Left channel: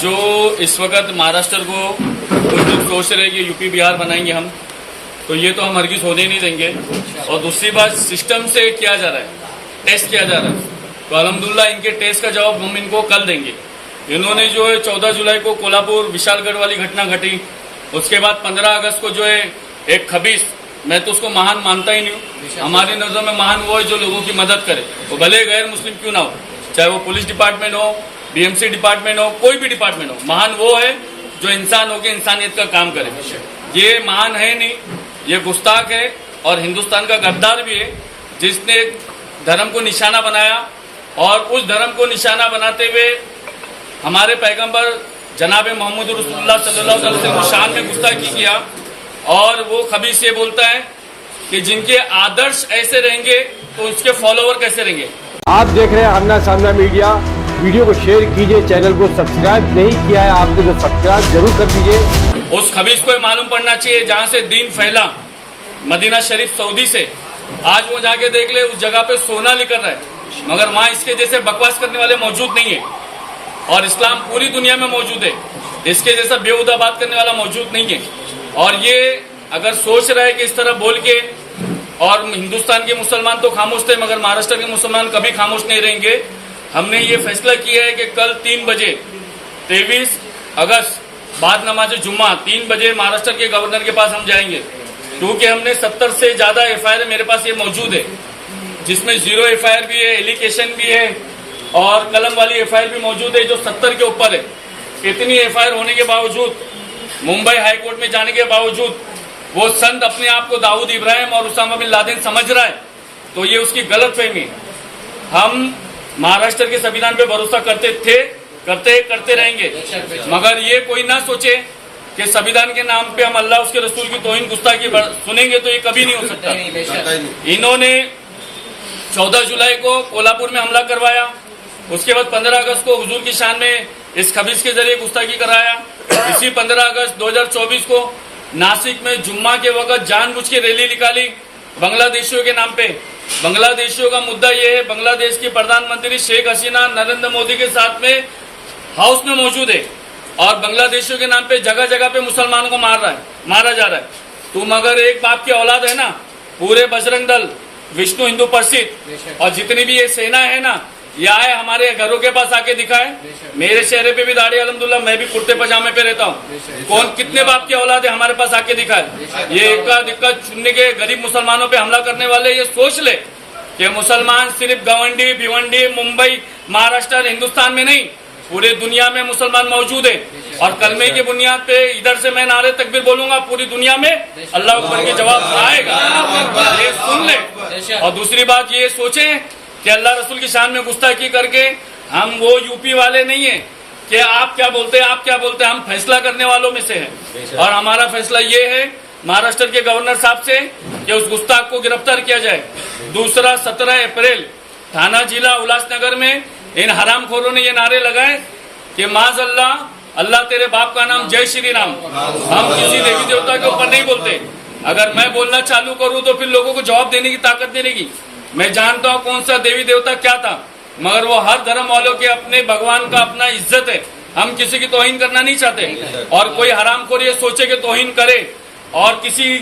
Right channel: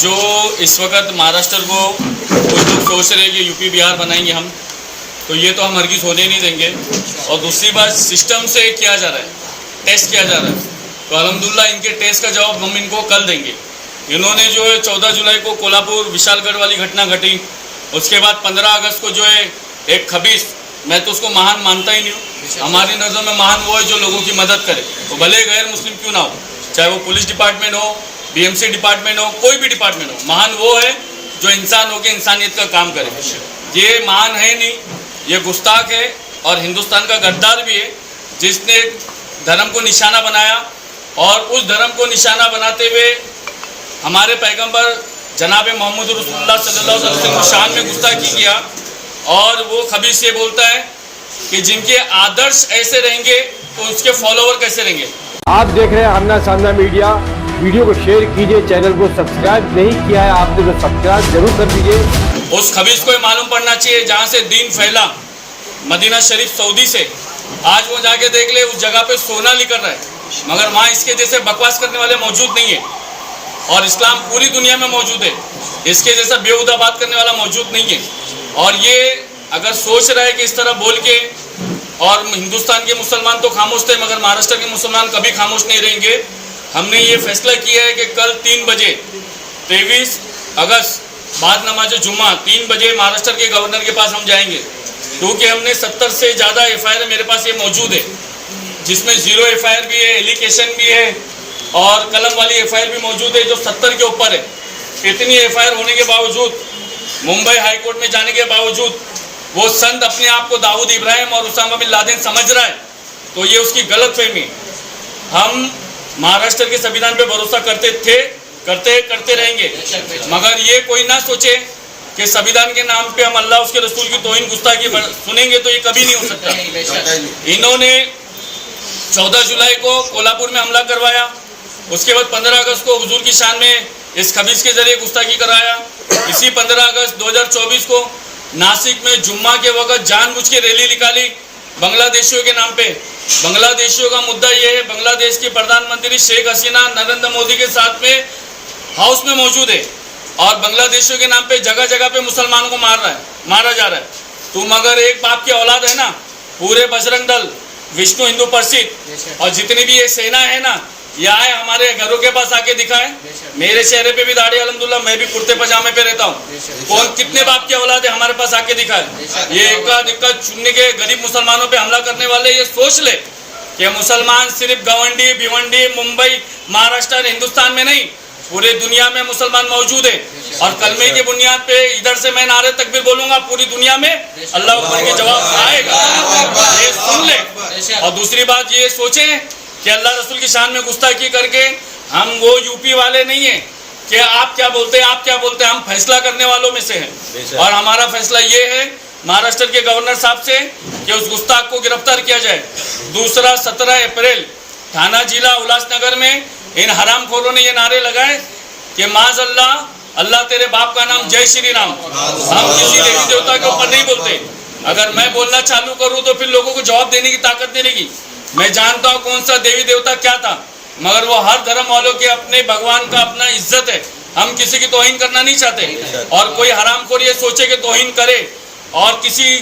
जो इस वक्त महाराष्ट्र को कुछ लोग सोच रहे हैं कि यूपी बिहार बनाएंगे हम, तो ये तो हम हरगिज़ होने नहीं देंगे। और दूसरी बात, सिस्टम से किया जा रहा है, टेस्ट किया जा रहा है, तो अल्हम्दुलिल्लाह इनके टेस्ट का जवाब हम इनको कल देंगे। इन्होंने जो है 14 जुलाई को कोल्हापुर विशालगढ़ वाली घटना घटी, उसके बाद 15 अगस्त को जो है एक खबीस, मैं तो उसको महान मानता ही नहीं हूँ, हमारी नज़र में महान वो है जो लोगों की मदद करे, वो भले गैर मुस्लिम क्यों ना हो, चाहे वो पुलिस डिपार्टमेंट हो, बीएमसी डिपार्टमेंट हो, कोई भी डिपार्टमेंट हो, महान वो है जो इंसान होकर इंसानियत का काम करे। ये महान है नहीं, ये गुस्ताख है और हिंदुस्तान का गद्दार भी है, जिसने धर्म को निशाना बनाया और उस धर्म को निशाना बनाते हुए हमारे पैगंबर जनाब मोहम्मद रसूलुल्लाह सल्लल्लाहु अलैहि वसल्लम की शान में गुस्ताखी किया। और वो खबीस ये बोलता है कि जिनके आदर्श ऐसे रहेंगे तो उसके फॉलोवर कैसे रहेंगे। आप देख रहे हैं आमना सामना मीडिया। वीडियो को शेयर कीजिए, चैनल को सब्सक्राइब नहीं किया है आपने तो सब्सक्राइब जरूर कर दीजिए। उस खबीस को मालूम पड़ना चाहिए जहाँ से दीन फैला, मदीना शरीफ सऊदी से, आज वो जाके देख ले, उस जगह पे सोना निकल रहा है, मगर वहाँ इसके जैसे बकवास करने वाले मौजूद नहीं है। और इस्लाम पूरी दुनिया में मौजूद है, इसके जैसा बेहुदा बात करने वाला मौजूद नहीं है। और ये अगर सोच रहा है कि इस तरह बोल के, और हिंदुस्तान के मुसलमान तो खामोश थे मगर महाराष्ट्र के मुसलमान कभी खामोश नहीं रहेंगे। हमने ये फैसला किया है कि कल 3 बजे 23 अगस्त बाद नमाज जुम्मा 3 बजे महाराष्ट्र के गवर्नर के पास हम जाएंगे, क्योंकि हमने 70 से ज़्यादा FIR मेरे पास ये मौजूद है, जिसमें 0 FIR भी है, एलिगेशन भी है और कलम वाली FIR भी मौजूद है जो 70 के ऊपर है। इतनी FIR होने के बावजूद, मुंबई हाई कोर्ट में जाने के बावजूद वो संत अपने आप को दाऊद इब्राहिम और उसामा बिन लादेन समझ रहा है, तो ये उसकी गलतफहमी। हम महाराष्ट्र के संविधान पे भरोसा करते थे, करते रहेंगे, मगर ये कोई ना सोचे कि संविधान के नाम पे हम अल्लाह उसके रसूल की तौहीन गुस्ताखी सुनेंगे, तो ये कभी नहीं हो सकता। इन्होंने 14 जुलाई को कोल्हापुर में हमला करवाया, उसके बाद 15 अगस्त को हुजूर की शान में इस खबीस के जरिए गुस्ताखी कराया। इसी 15 अगस्त 2024 को नासिक में जुम्मा के वक्त जानबूझ के रैली निकाली बांग्लादेशियों के नाम पे। बांग्लादेशियों का मुद्दा ये है, बांग्लादेश की प्रधानमंत्री शेख हसीना नरेंद्र मोदी के साथ में हाउस में मौजूद है और बांग्लादेशियों के नाम पे जगह जगह पे मुसलमानों को मारा जा रहा है। तुम अगर एक बाप की औलाद है ना, पूरे बजरंग दल, विष्णु हिंदू परिषद और जितनी भी ये सेना है ना, ये आए हमारे घरों के पास आके दिखाए। मेरे चेहरे पे भी दाढ़ी अल्हम्दुलिल्लाह, मैं भी कुर्ते पजामे पे रहता हूँ। कौन कितने बाप की औलाद है हमारे पास आके दिखाए। ये इक्का दिक्का चुनने के गरीब मुसलमानों पे हमला करने वाले ये सोच ले कि मुसलमान सिर्फ गवंडी भिवंडी मुंबई महाराष्ट्र हिंदुस्तान में नहीं, पूरे दुनिया में मुसलमान मौजूद है। और कलमे की बुनियाद पे इधर से मैं नारे तकबीर बोलूंगा, पूरी दुनिया में अल्लाह अकबर के जवाब आएगा, ये सुन ले। और दूसरी बात ये सोचे कि अल्लाह रसूल की शान में गुस्ताखी करके हम वो यूपी वाले नहीं है कि आप क्या बोलते हैं, हम फैसला करने वालों में से हैं। और हमारा फैसला ये है महाराष्ट्र के गवर्नर साहब से कि उस गुस्ताख को गिरफ्तार किया जाए। दूसरा, 17 अप्रैल थाना जिला उल्लासनगर में इन हरामखोरों ने ये नारे लगाए कि माज़अल्लाह, अल्लाह तेरे बाप का नाम, जय श्री राम। हम किसी देवी देवता के ऊपर नहीं बोलते। अगर मैं बोलना चालू करूँ तो फिर लोगों को जवाब देने की ताकत देने की। मैं जानता हूँ कौन सा देवी देवता क्या था, मगर वो हर धर्म वालों के अपने भगवान का अपना इज्जत है। हम किसी की तौहीन करना नहीं चाहते। और कोई हरामखोर ये सोचे कि तौहीन करे और किसी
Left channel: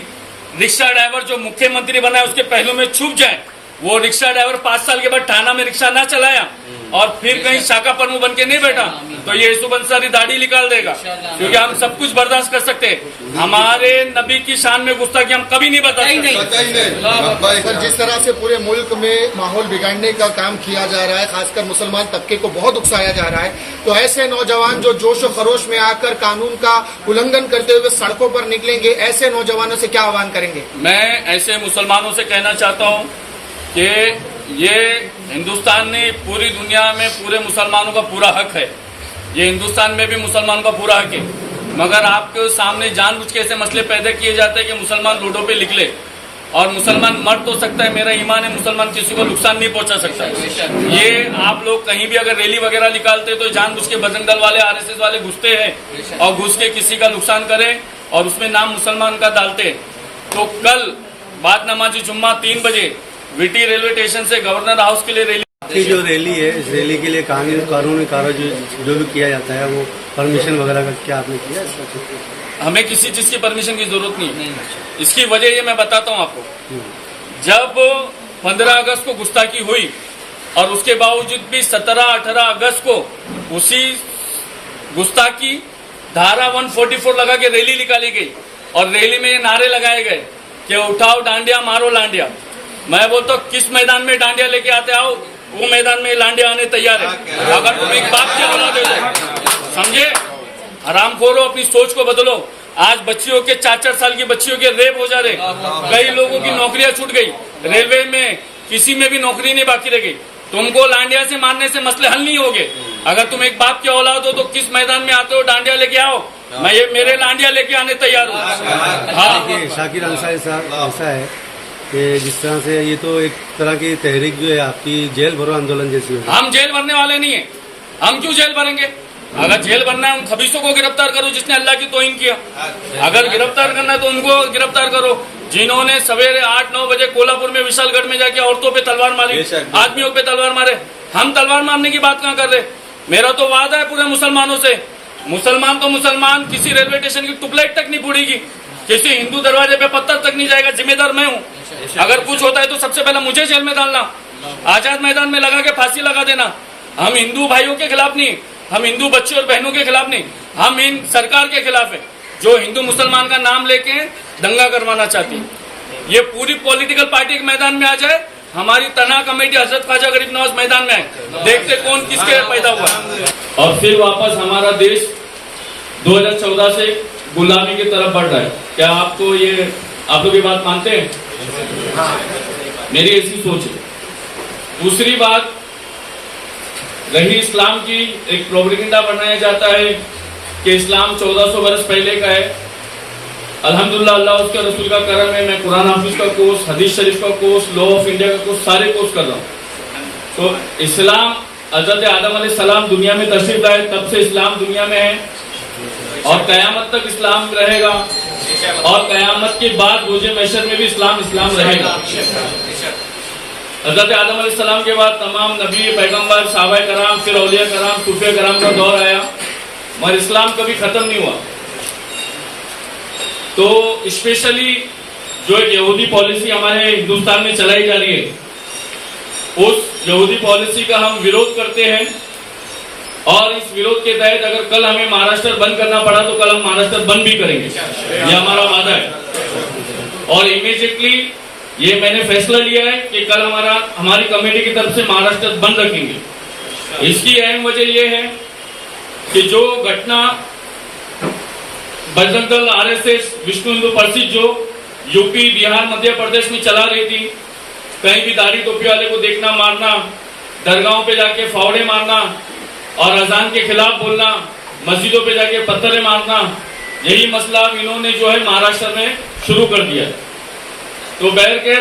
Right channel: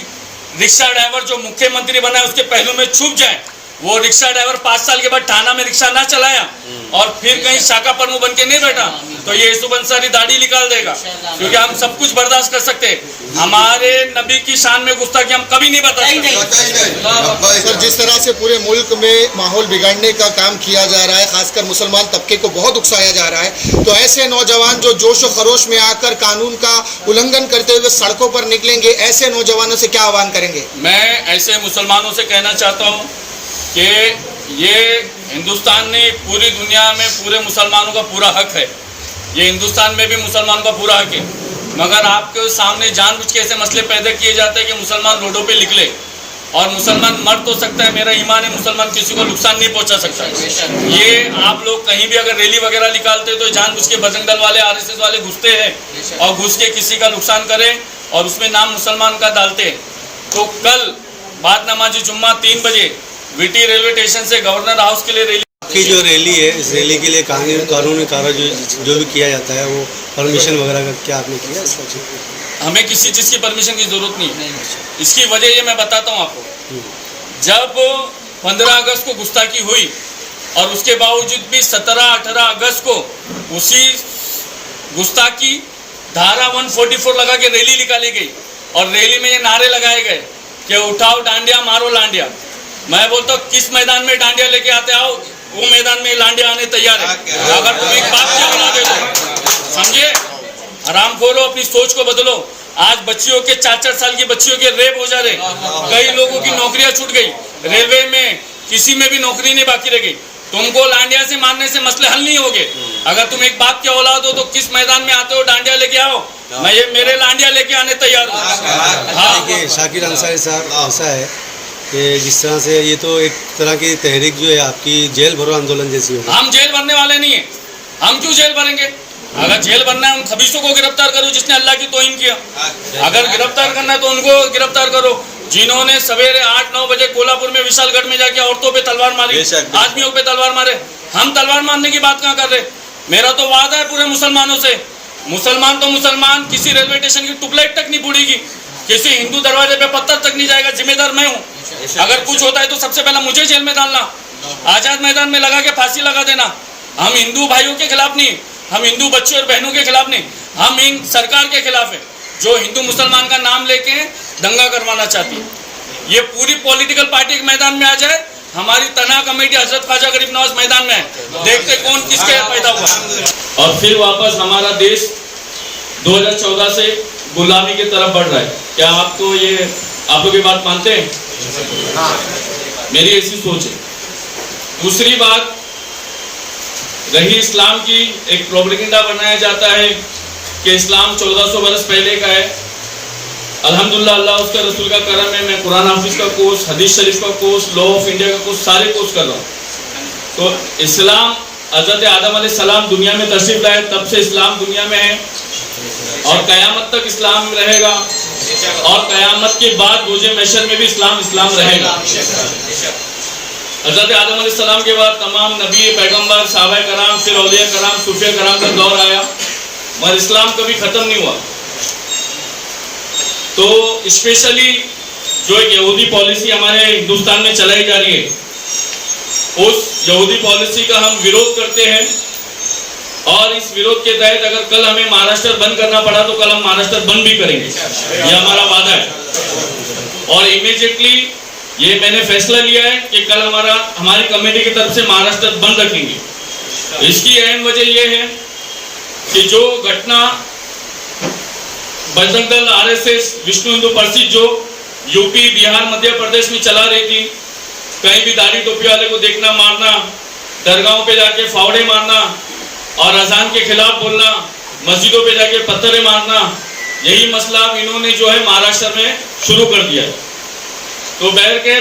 रिक्शा ड्राइवर जो मुख्यमंत्री बना है उसके पहलू में छुप जाए। वो रिक्शा ड्राइवर 5 साल के बाद थाना में रिक्शा ना चलाया और फिर कहीं शाखा प्रमुख बन के नहीं बैठा तो ये यूसुफ अंसारी दाढ़ी निकाल देगा, क्योंकि हम सब कुछ बर्दाश्त कर सकते हैं। हमारे नबी की शान में गुस्ताखी हम कभी नहीं बर्दाश्त करते। सर, जिस तरह से पूरे मुल्क में माहौल बिगाड़ने का काम किया जा रहा है, खासकर मुसलमान तबके को बहुत उकसाया जा रहा है, तो ऐसे नौजवान जो जोश और खरोश में आकर कानून का उल्लंघन करते हुए सड़कों पर निकलेंगे, ऐसे नौजवानों से क्या आह्वान करेंगे? मैं ऐसे मुसलमानों से कहना चाहता हूँ कि ये हिंदुस्तान में, पूरी दुनिया में पूरे मुसलमानों का पूरा हक है, ये हिंदुस्तान में भी मुसलमानों का पूरा हक है, मगर आपके सामने जानबूझ के ऐसे मसले पैदा किए जाते हैं कि मुसलमान रोडों पे निकले। और मुसलमान मर तो सकता है, मेरा ईमान है, मुसलमान किसी को नुकसान नहीं पहुंचा सकता। ये आप लोग कहीं भी अगर रैली वगैरह निकालते तो जानबूझ के बजरंग दल वाले, RSS वाले घुसते हैं और घुस के किसी का नुकसान करें और उसमें नाम मुसलमान का डालते हैं। तो कल बाद नमाज जुम्मा 3 बजे VT रेलवे स्टेशन से गवर्नर हाउस के लिए रैली आपकी जो रैली है, इस रैली के लिए कानूनी कार्य जो भी किया जाता है, वो परमिशन वगैरह का क्या आपने किया इसका? हमें किसी चीज़ की परमिशन की ज़रूरत नहीं है। इसकी वजह ये मैं बताता हूँ आपको। जब 15 अगस्त को गुस्ताखी हुई और उसके बावजूद भी 17-18 अगस्त को उसी गुस्ताखी धारा 144 लगा के रैली निकाली गई और रैली में ये नारे लगाए गए कि उठाओ डांडिया, मारो लांडिया। मैं बोलता हूँ किस मैदान में डांडिया लेके आते आओ, वो मैदान में लांडिया आने तैयार है। अगर तुम एक बाप की औलाद है तो समझे, आराम खोलो, अपनी सोच को बदलो। आज बच्चियों के 4-4 साल की बच्चियों के रेप हो जा रहे, कई लोगों की नौकरियां छूट गई, रेलवे में किसी में भी नौकरी नहीं बाकी रह गई। तुमको लांडिया से मारने से मसले हल नहीं होंगे। अगर तुम एक बाप की औलाद हो तो किस मैदान में आते हो, डांडिया लेके आओ, मैं ये मेरे लांडिया लेके आने तैयार हूँ। हाँ, देखिए शाकिर अंसारी साहब, ऐसा है कि जिस तरह से ये तो एक तरह की तहरीक जो है आपकी जेल भरो आंदोलन जैसी होगी। हम जेल भरने वाले नहीं है। हम क्यों जेल भरेंगे? अगर जेल भरना है उन खबीसों को गिरफ्तार करो जिसने अल्लाह की तौहीन किया। अगर गिरफ्तार करना है तो उनको गिरफ्तार करो जिन्होंने सवेरे 8-9 बजे कोल्हापुर में विशालगढ़ में जाके औरतों पे तलवार मारी, आदमियों पे तलवार मारे। हम तलवार मारने की बात कहाँ कर रहे? मेरा तो वादा है पूरे मुसलमानों से, मुसलमान तो मुसलमान, किसी रेलवे स्टेशन की ट्यूबलाइट तक नहीं बुड़ेगी, किसी हिंदू दरवाजे पे पत्थर तक नहीं जाएगा। जिम्मेदार मैं हूँ। अगर कुछ होता है तो सबसे पहले मुझे जेल में डालना, आजाद मैदान में लगा के फांसी लगा देना। हम हिंदू भाइयों के खिलाफ नहीं, हम हिंदू बच्चों और बहनों के खिलाफ नहीं, हम इन सरकार के खिलाफ है जो हिंदू मुसलमान का नाम लेके दंगा करवाना चाहती है। ये पूरी पॉलिटिकल पार्टी के मैदान में आ जाए, हमारी तना कमेटी हजरत ख्वाजा गरीब नवाज मैदान में है, देखते कौन किसके पैदा हुआ। और फिर वापस हमारा देश 2014 से गुलामी की तरफ बढ़ रहा है। क्या आपको ये, आप लोग ये बात मानते हैं? मेरी ऐसी सोच है। दूसरी बात रही इस्लाम की, एक प्रोपेगेंडा बनाया जाता है कि इस्लाम 1400 वर्ष पहले का है। अल्हम्दुलिल्लाह, अल्लाह उसका रसूल का करम है, मैं कुरान हाफिज का कोर्स, हदीस शरीफ का कोर्स, लॉ ऑफ इंडिया का कोर्स, सारे कोर्स कर रहा हूँ। तो इस्लाम हजरत आदम अलैहिस्सलाम दुनिया में तशरीफ लाए, तब से इस्लाम दुनिया में है और क़यामत तक इस्लाम रहेगा और क़यामत के बाद रोज़े महशर में भी इस्लाम रहेगा। हजरत आदम अलैहिस्सलाम के बाद तमाम नबी, पैगम्बर, सहाबाए कराम, फिर औलिया कराम, सूफिया कराम का दौर आया, मगर इस्लाम कभी ख़त्म नहीं हुआ। तो स्पेशली जो एक यहूदी पॉलिसी हमारे हिंदुस्तान में चलाई जा रही है, उस यहूदी पॉलिसी का हम विरोध करते हैं और इस विरोध के तहत अगर कल हमें महाराष्ट्र बंद करना पड़ा तो कल हम महाराष्ट्र बंद भी करेंगे, ये हमारा वादा है। और इमीडिएटली ये मैंने फैसला लिया है कि कल हमारी कमेटी की तरफ से महाराष्ट्र बंद रखेंगे। इसकी अहम वजह यह है कि जो घटना बजरंग दल, आरएसएस, विश्व हिंदू परिषद जो यूपी, बिहार, मध्य प्रदेश में चला रही थी, कहीं भी दाढ़ी टोपी वाले को देखना, मारना, दरगाहों पे जाके फावड़े मारना और अजान के खिलाफ बोलना, मस्जिदों पे जाके पत्थरें मारना, यही मसला इन्होंने जो है महाराष्ट्र में शुरू कर दिया है। तो बहर के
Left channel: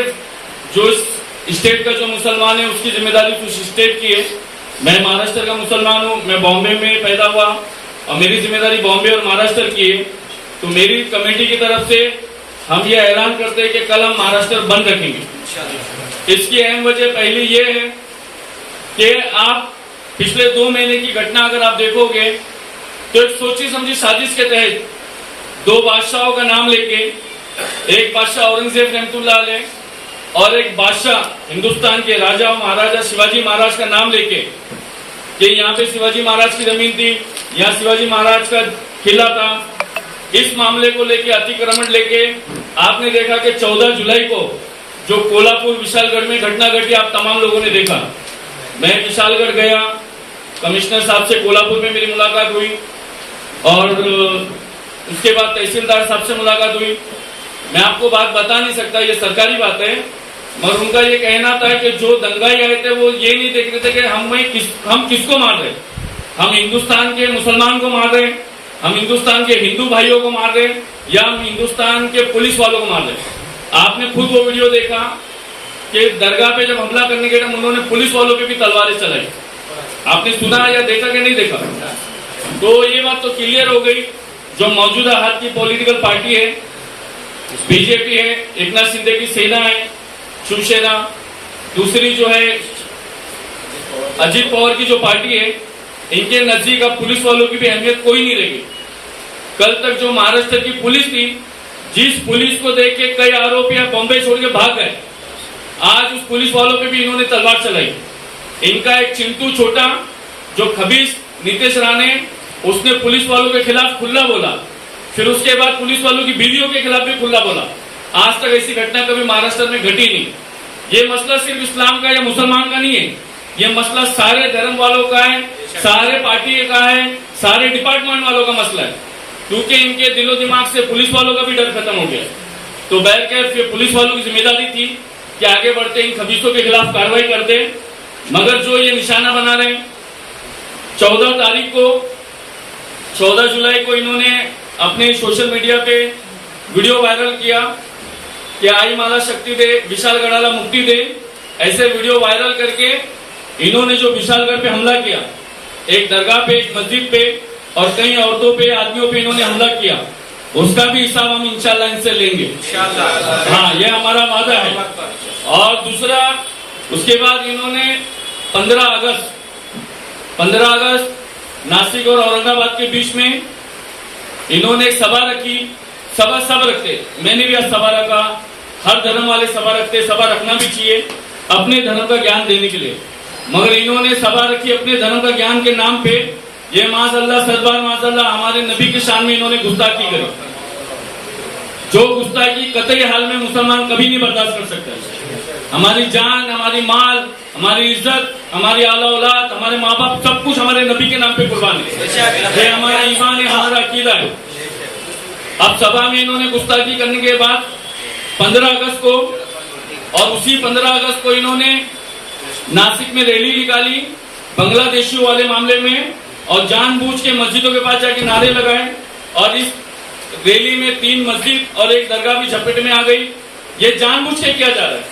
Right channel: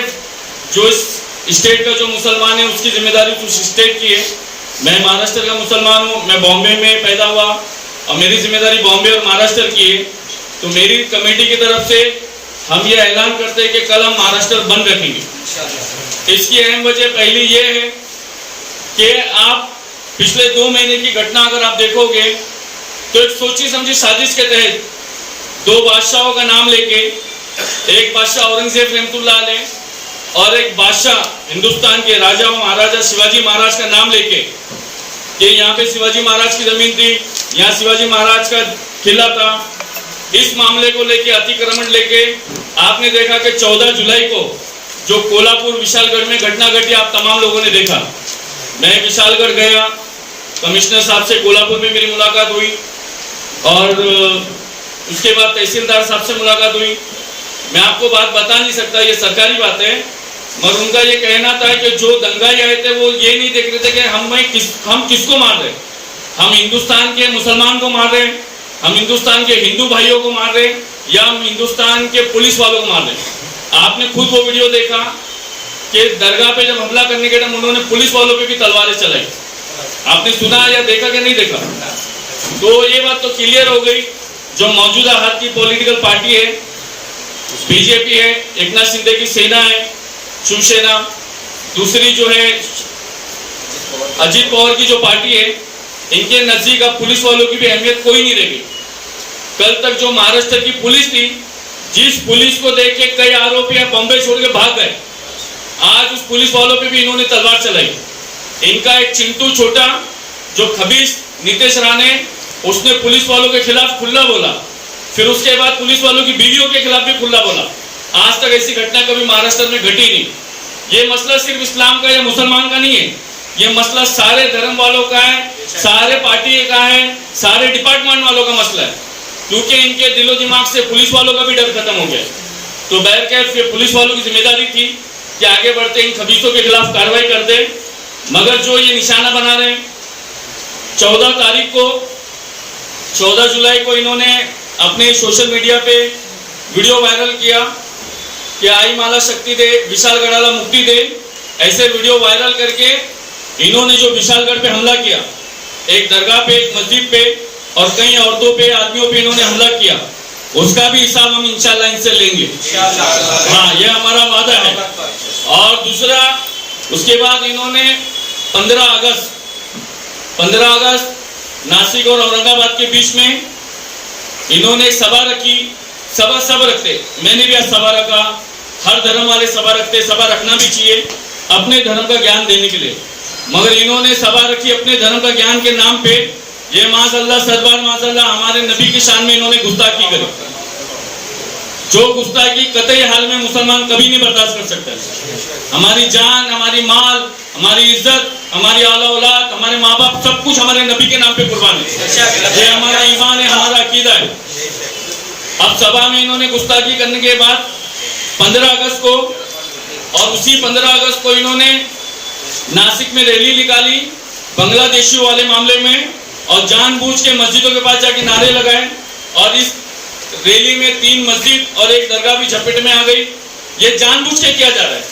जो इस स्टेट का जो मुसलमान है उसकी जिम्मेदारी उस स्टेट की है। मैं महाराष्ट्र का मुसलमान हूँ, मैं बॉम्बे में पैदा हुआ और मेरी जिम्मेदारी बॉम्बे और महाराष्ट्र की है। तो मेरी कमेटी की तरफ से हम ये ऐलान करते हैं कि कल हम महाराष्ट्र बंद रखेंगे। इसकी अहम वजह पहली ये है कि आप पिछले 2 महीने की घटना अगर आप देखोगे तो एक सोची समझी साजिश के तहत 2 बादशाहों का नाम लेके, एक बादशाह औरंगजेब रहमतुल्लाह अलैह और एक बादशाह हिंदुस्तान के राजा महाराजा शिवाजी महाराज का नाम लेके कि यहाँ पे शिवाजी महाराज की जमीन थी, यहाँ शिवाजी महाराज का किला था, इस मामले को लेके अतिक्रमण लेके आपने देखा कि 14 जुलाई को जो कोल्हापुर विशालगढ़ में घटना घटी, आप तमाम लोगों ने देखा। मैं विशालगढ़ गया, कमिश्नर साहब से कोल्हापुर में मेरी मुलाकात हुई और उसके बाद तहसीलदार साहब से मुलाकात हुई। मैं आपको बात बता नहीं सकता, ये सरकारी बात है, मगर उनका ये कहना था कि जो दंगाई आए थे वो ये नहीं देख रहे थे कि हम किसको मार रहे, हम हिंदुस्तान के मुसलमान को मार रहे, हम हिंदुस्तान के हिंदू भाइयों को मार रहे या हम हिंदुस्तान के पुलिस वालों को मार रहे। आपने खुद वो वीडियो देखा कि दरगाह पे जब हमला करने के टाइम उन्होंने पुलिस वालों पे भी तलवारें चलाई। आपने सुना या देखा कि नहीं देखा? तो ये बात तो क्लियर हो गई, जो मौजूदा हाथ की पॉलिटिकल पार्टी है, बीजेपी है, एकनाथ शिंदे की सेना है, शिवसेना, दूसरी जो है अजीत पवार की जो पार्टी है, इनके नजदीक अब पुलिस वालों की भी अहमियत कोई नहीं रहेगी। कल तक जो महाराष्ट्र की पुलिस थी, जिस पुलिस को देख के कई आरोपी बॉम्बे छोड़ के भाग गए, आज उस पुलिस वालों पे भी इन्होंने तलवार चलाई। इनका एक चिंटू छोटा जो खबीस नीतीश राणे, उसने पुलिस वालों के खिलाफ खुला बोला, फिर उसके बाद पुलिस वालों की बीवियों के खिलाफ भी खुला बोला। आज तक ऐसी घटना कभी महाराष्ट्र में घटी नहीं। ये मसला सिर्फ इस्लाम का या मुसलमान का नहीं है, ये मसला सारे धर्म वालों का है, सारे पार्टी का है, सारे डिपार्टमेंट वालों का मसला है, क्योंकि इनके दिलो दिमाग से पुलिस वालों का भी डर खत्म हो गया। तो बहरकैफ ये पुलिस वालों की जिम्मेदारी थी कि आगे बढ़ते इन खबीसों के खिलाफ कार्रवाई कर दे, मगर जो ये निशाना बना रहे, 14 जुलाई को इन्होंने अपने सोशल मीडिया पे वीडियो वायरल किया कि आई माला शक्ति दे, विशालगढ़ाला मुक्ति दे। ऐसे वीडियो वायरल करके इन्होंने जो विशालगढ़ पे हमला किया, एक दरगाह पे, एक मस्जिद पे और कई औरतों पे, आदमियों पे इन्होंने हमला किया, उसका भी हिसाब हम इंशाल्लाह इनसे लेंगे। हाँ, ये हमारा वादा है। और दूसरा, उसके बाद इन्होंने 15 अगस्त नासिक और औरंगाबाद के बीच में इन्होंने एक सभा रखी। सभा सब रखते, मैंने भी आज सभा रखा, हर धर्म वाले सभा रखते, सभा रखना भी चाहिए अपने धर्म का ज्ञान देने के लिए, मगर इन्होंने सभा रखी अपने धर्म का ज्ञान के नाम पे। ये माज़अल्लाह, सदबार माज़अल्लाह, हमारे नबी की शान में इन्होंने गुस्ताखी करी, जो गुस्ताखी कतई हाल में मुसलमान कभी नहीं बर्दाश्त कर सकता। हमारी जान, हमारी माल, हमारी इज्जत, हमारी आला औलाद, हमारे माँ बाप, सब कुछ हमारे नबी के नाम पे कुर्बान है। ये हमारा ईमान है, हमारा अकीदा है। अब सभा में इन्होंने गुस्ताखी करने के बाद 15 अगस्त को, और उसी 15 अगस्त को इन्होंने नासिक में रैली निकाली बांग्लादेशियों वाले मामले में, और जानबूझ के मस्जिदों के पास जाके नारे लगाए, और इस रैली में 3 मस्जिद और एक दरगाह भी झपेट में आ गई। ये जानबूझ के किया जा रहा है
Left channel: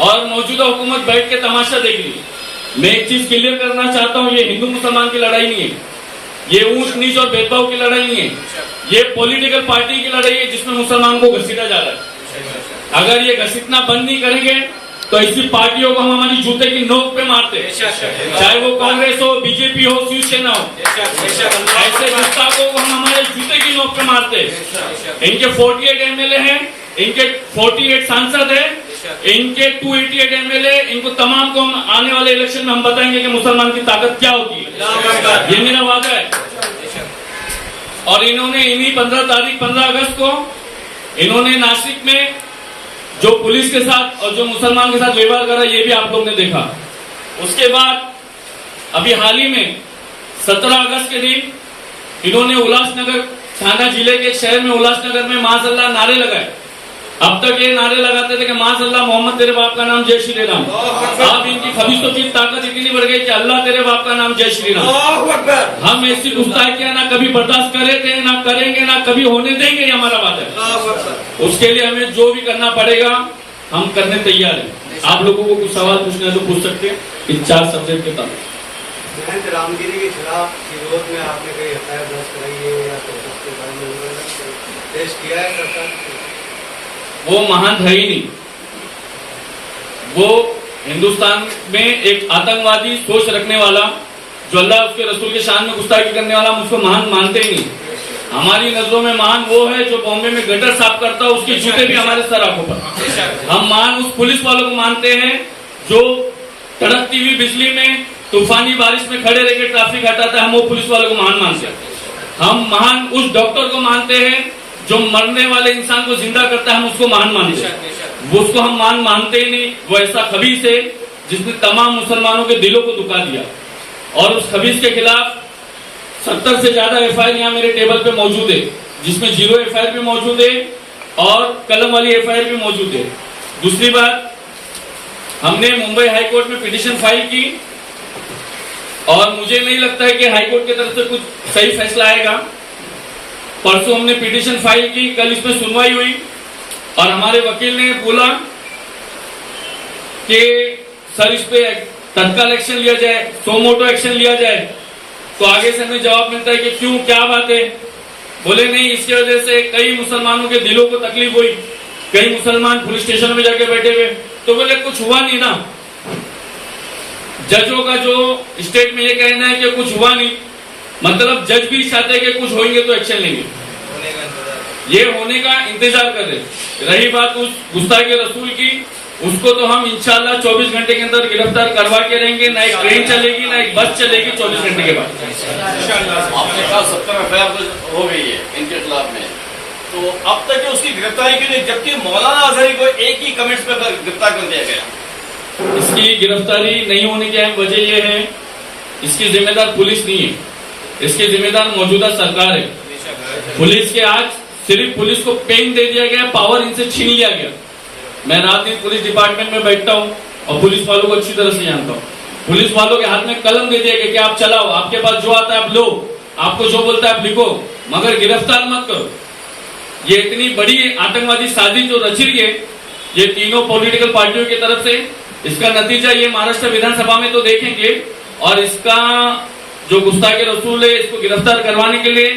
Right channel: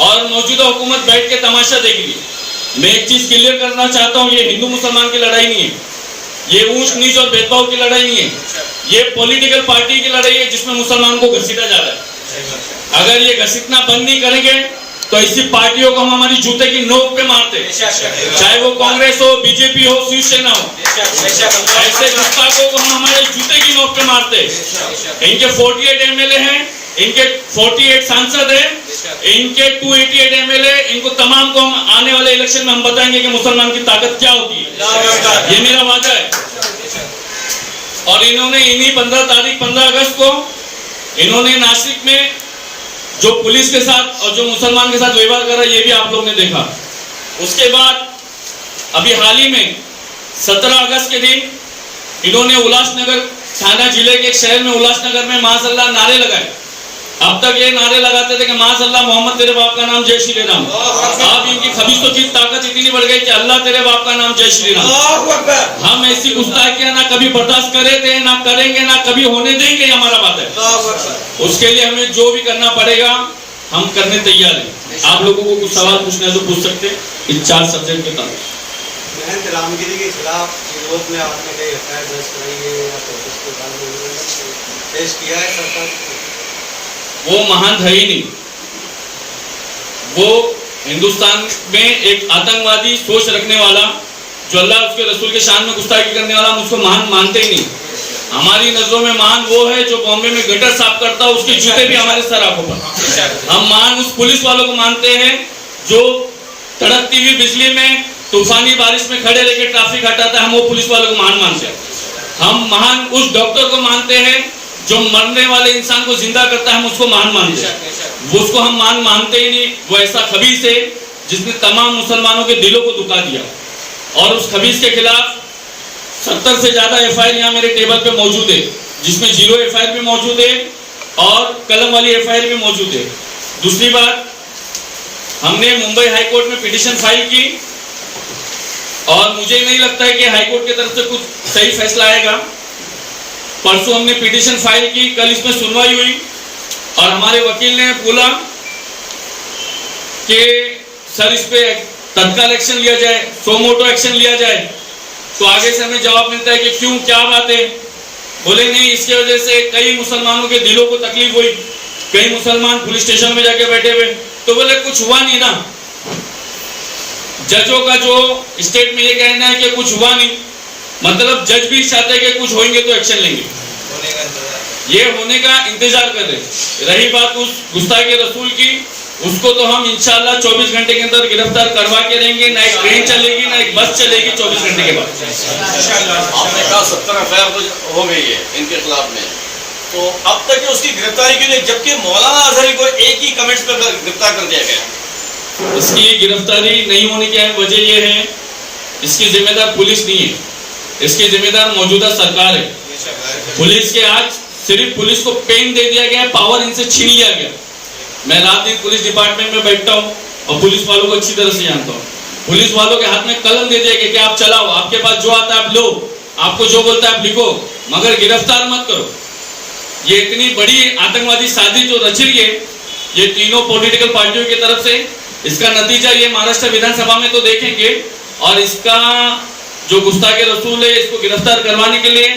और मौजूदा हुकूमत बैठ के तमाशा देख रही है। मैं एक चीज क्लियर करना चाहता हूँ, ये हिंदू मुसलमान की लड़ाई नहीं है, ये ऊंच नीच और भेदभाव की लड़ाई नहीं है, ये पॉलिटिकल पार्टी की लड़ाई है जिसमें मुसलमान को घसीटा जा रहा है। अगर ये घसीटना बंद नहीं करेंगे तो ऐसी पार्टियों को हम हमारी जूते की नोक पे मारते, चाहे वो कांग्रेस हो, बीजेपी हो, शिवसेना हो, ऐसे गुस्ताखों को हम हमारे जूते की नोक पे मारते। इनके 48 एमएलए हैं, इनके 48 सांसद हैं, इनके 288 एमएलए, इनको तमाम को हम आने वाले इलेक्शन में हम बताएंगे कि मुसलमान की ताकत क्या होती है। ये मेरा वादा है। और इन्होंने इन्हीं 15 अगस्त को इन्होंने नासिक में जो पुलिस के साथ और जो मुसलमान के साथ व्यवहार करा, ये भी आप लोग ने देखा। उसके बाद अभी हाल ही में 17 अगस्त के दिन इन्होंने उल्लासनगर थाना जिले के एक शहर में उल्लासनगर में माज़अल्लाह नारे लगाए। अब तक ये नारे लगाते थे कि माज़अल्लाह, मोहम्मद तेरे बाप का नाम, जय श्री राम। अब इनकी खबीसों की ताकत इतनी बढ़ गई कि अल्लाह तेरे बाप का नाम, जय श्री राम। हम ऐसी गुस्ताखियां ना कभी बर्दाश्त करे थे, ना करेंगे, ना कभी होने देंगे, हमारा बात है। उसके लिए हमें जो भी करना पड़ेगा हम करने तैयार हैं। आप लोगों को कुछ सवाल पूछना है तो पूछ सकते हैं इन 4 सब्जेक्ट के तहत। रामगिरी के खिलाफ विरोध में आपने कहीं एफआईआर दर्ज कराई है या पेश किया है सरकार? वो महंत है ही नहीं, वो हिंदुस्तान में एक आतंकवादी सोच रखने वाला, जो अल्लाह उसके रसूल के शान में गुस्ताखी करने वाला, हम उसको महान मानते ही नहीं। हमारी नजरों में महान वो है जो बॉम्बे में गटर साफ करता है, उसके जूते भी हमारे सर आंखों पर। हम महान उस पुलिस वालों को मानते हैं जो तड़कती हुई बिजली में, तूफानी बारिश में खड़े रहकर ट्रैफिक हटाता है, हम वो पुलिस वालों को महान मानते हैं। हम महान उस डॉक्टर को मानते हैं जो मरने वाले इंसान को जिंदा करता है, हम उसको महान मानते हैं। वो उसको हम महान मानते ही नहीं। वो ऐसा खबीस है जिसने तमाम मुसलमानों के दिलों को दुखा दिया, और उस खबीस के खिलाफ 70 से ज्यादा एफआईआर यहाँ मेरे टेबल पे मौजूद है, जिसमें 0 एफआईआर भी मौजूद है और कलम वाली एफआईआर भी मौजूद है। दूसरी बात, हमने मुंबई हाई कोर्ट में पिटीशन फाइल की और मुझे नहीं लगता है कि हाई कोर्ट की तरफ से कुछ सही फैसला आएगा। परसों हमने पिटीशन फाइल की, कल इसमें सुनवाई हुई और हमारे वकील ने बोला कि सर इस पे तत्काल एक्शन लिया जाए, सोमोटो एक्शन लिया जाए। तो आगे से हमें जवाब मिलता है कि क्यों, क्या बात है? बोले नहीं, इसकी वजह से कई मुसलमानों के दिलों को तकलीफ हुई, कई मुसलमान पुलिस स्टेशन में जाके बैठे हुए। तो बोले कुछ हुआ नहीं ना, जजों का जो स्टेट में ये कहना है कि कुछ हुआ नहीं, मतलब जज भी चाहते हैं कि कुछ होंगे तो एक्शन लेंगे, ये होने का इंतजार कर रहे। रही बात उस गुस्ताखी रसूल की, उसको तो हम इंशाल्लाह 24 घंटे के अंदर गिरफ्तार करवा के रहेंगे। ना एक ट्रेन चलेगी ना एक बस चलेगी 24 घंटे के बाद। आपने कहा 70 एफआईआर हो गई है इनके खिलाफ में, तो अब तक उसकी गिरफ्तारी के लिए, जबकि मौलाना अजहरी को एक ही कमेंट्स पर गिरफ्तार कर दिया गया। इसकी गिरफ्तारी नहीं होने की अहम वजह यह है, इसकी जिम्मेदार पुलिस नहीं है, इसकी जिम्मेदार मौजूदा सरकार है। पुलिस के आज सिर्फ पुलिस को पेन दे दिया गया, पावर इनसे छीन लिया गया। मैं रात दिन पुलिस डिपार्टमेंट में बैठता हूँ और पुलिस वालों को अच्छी तरह से जानता हूँ। पुलिस वालों के हाथ में कलम दे दिया गया कि आप चलाओ, आपके पास जो आता है आप लो, आपको जो बोलता है आप लिखो, मगर गिरफ्तार मत करो। ये इतनी बड़ी आतंकवादी साजिश जो रच रही है ये तीनों पॉलिटिकल पार्टियों की तरफ से, इसका नतीजा ये महाराष्ट्र विधानसभा में तो देखेंगे। और इसका जो गुस्ताखी रसूल है इसको गिरफ्तार करवाने के लिए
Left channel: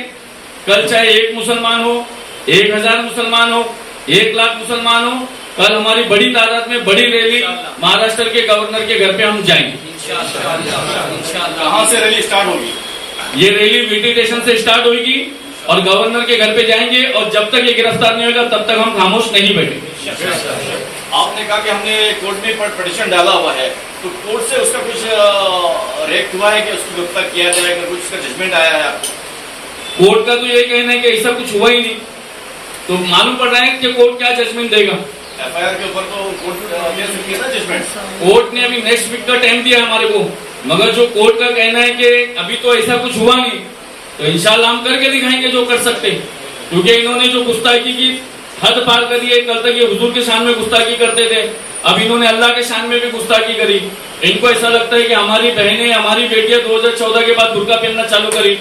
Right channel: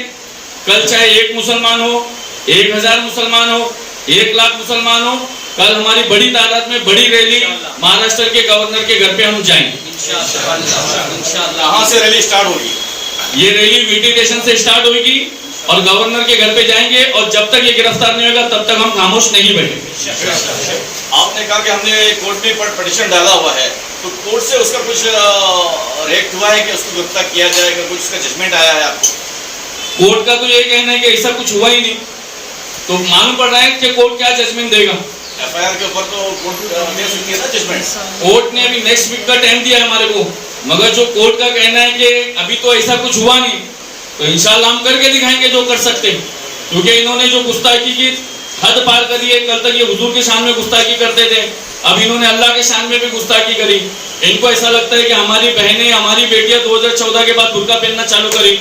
कल चाहे 1 मुसलमान हो, 1000 मुसलमान हो, 1 लाख मुसलमान हो, कल हमारी बड़ी तादाद में बड़ी रैली महाराष्ट्र के गवर्नर के घर पे हम जाएंगे। कहाँ से रैली स्टार्ट होगी? ये रैली वीटी स्टेशन से स्टार्ट होगी और गवर्नर के घर पे जाएंगे, और जब तक ये गिरफ्तार नहीं होगा तब तक हम खामोश नहीं बैठेंगे। आपने कहा कि हमने कोर्ट में पिटीशन डाला हुआ है, तो कोर्ट से उसका कुछ रिएक्ट हुआ है कि उसको गिरफ्तार किया जाएगा, कुछ उसका जजमेंट आया है आपको? कोर्ट का तो ये कहना है कि ऐसा कुछ हुआ ही नहीं, तो मालूम पड़ रहा है कि कोर्ट क्या जजमेंट देगा। एफआईआर के ऊपर तो कोर्ट दे सकती है ना जजमेंट। कोर्ट ने अभी नेक्स्ट वीक का टाइम दिया है हमारे को, मगर जो कोर्ट का कहना है कि अभी तो ऐसा कुछ हुआ नहीं, तो इंशाल्लाह हम करके दिखाएंगे जो कर सकते हैं। क्योंकि इन्होंने जो गुस्ताखी की हद पार करी है, कल तक ये हुजूर के शान में गुस्ताखी करते थे, अब इन्होंने अल्लाह के शान में भी गुस्ताखी करी। इनको ऐसा लगता है कि हमारी बहनें, हमारी बेटियां 2014 के बाद बुर्का पहनना चालू करी।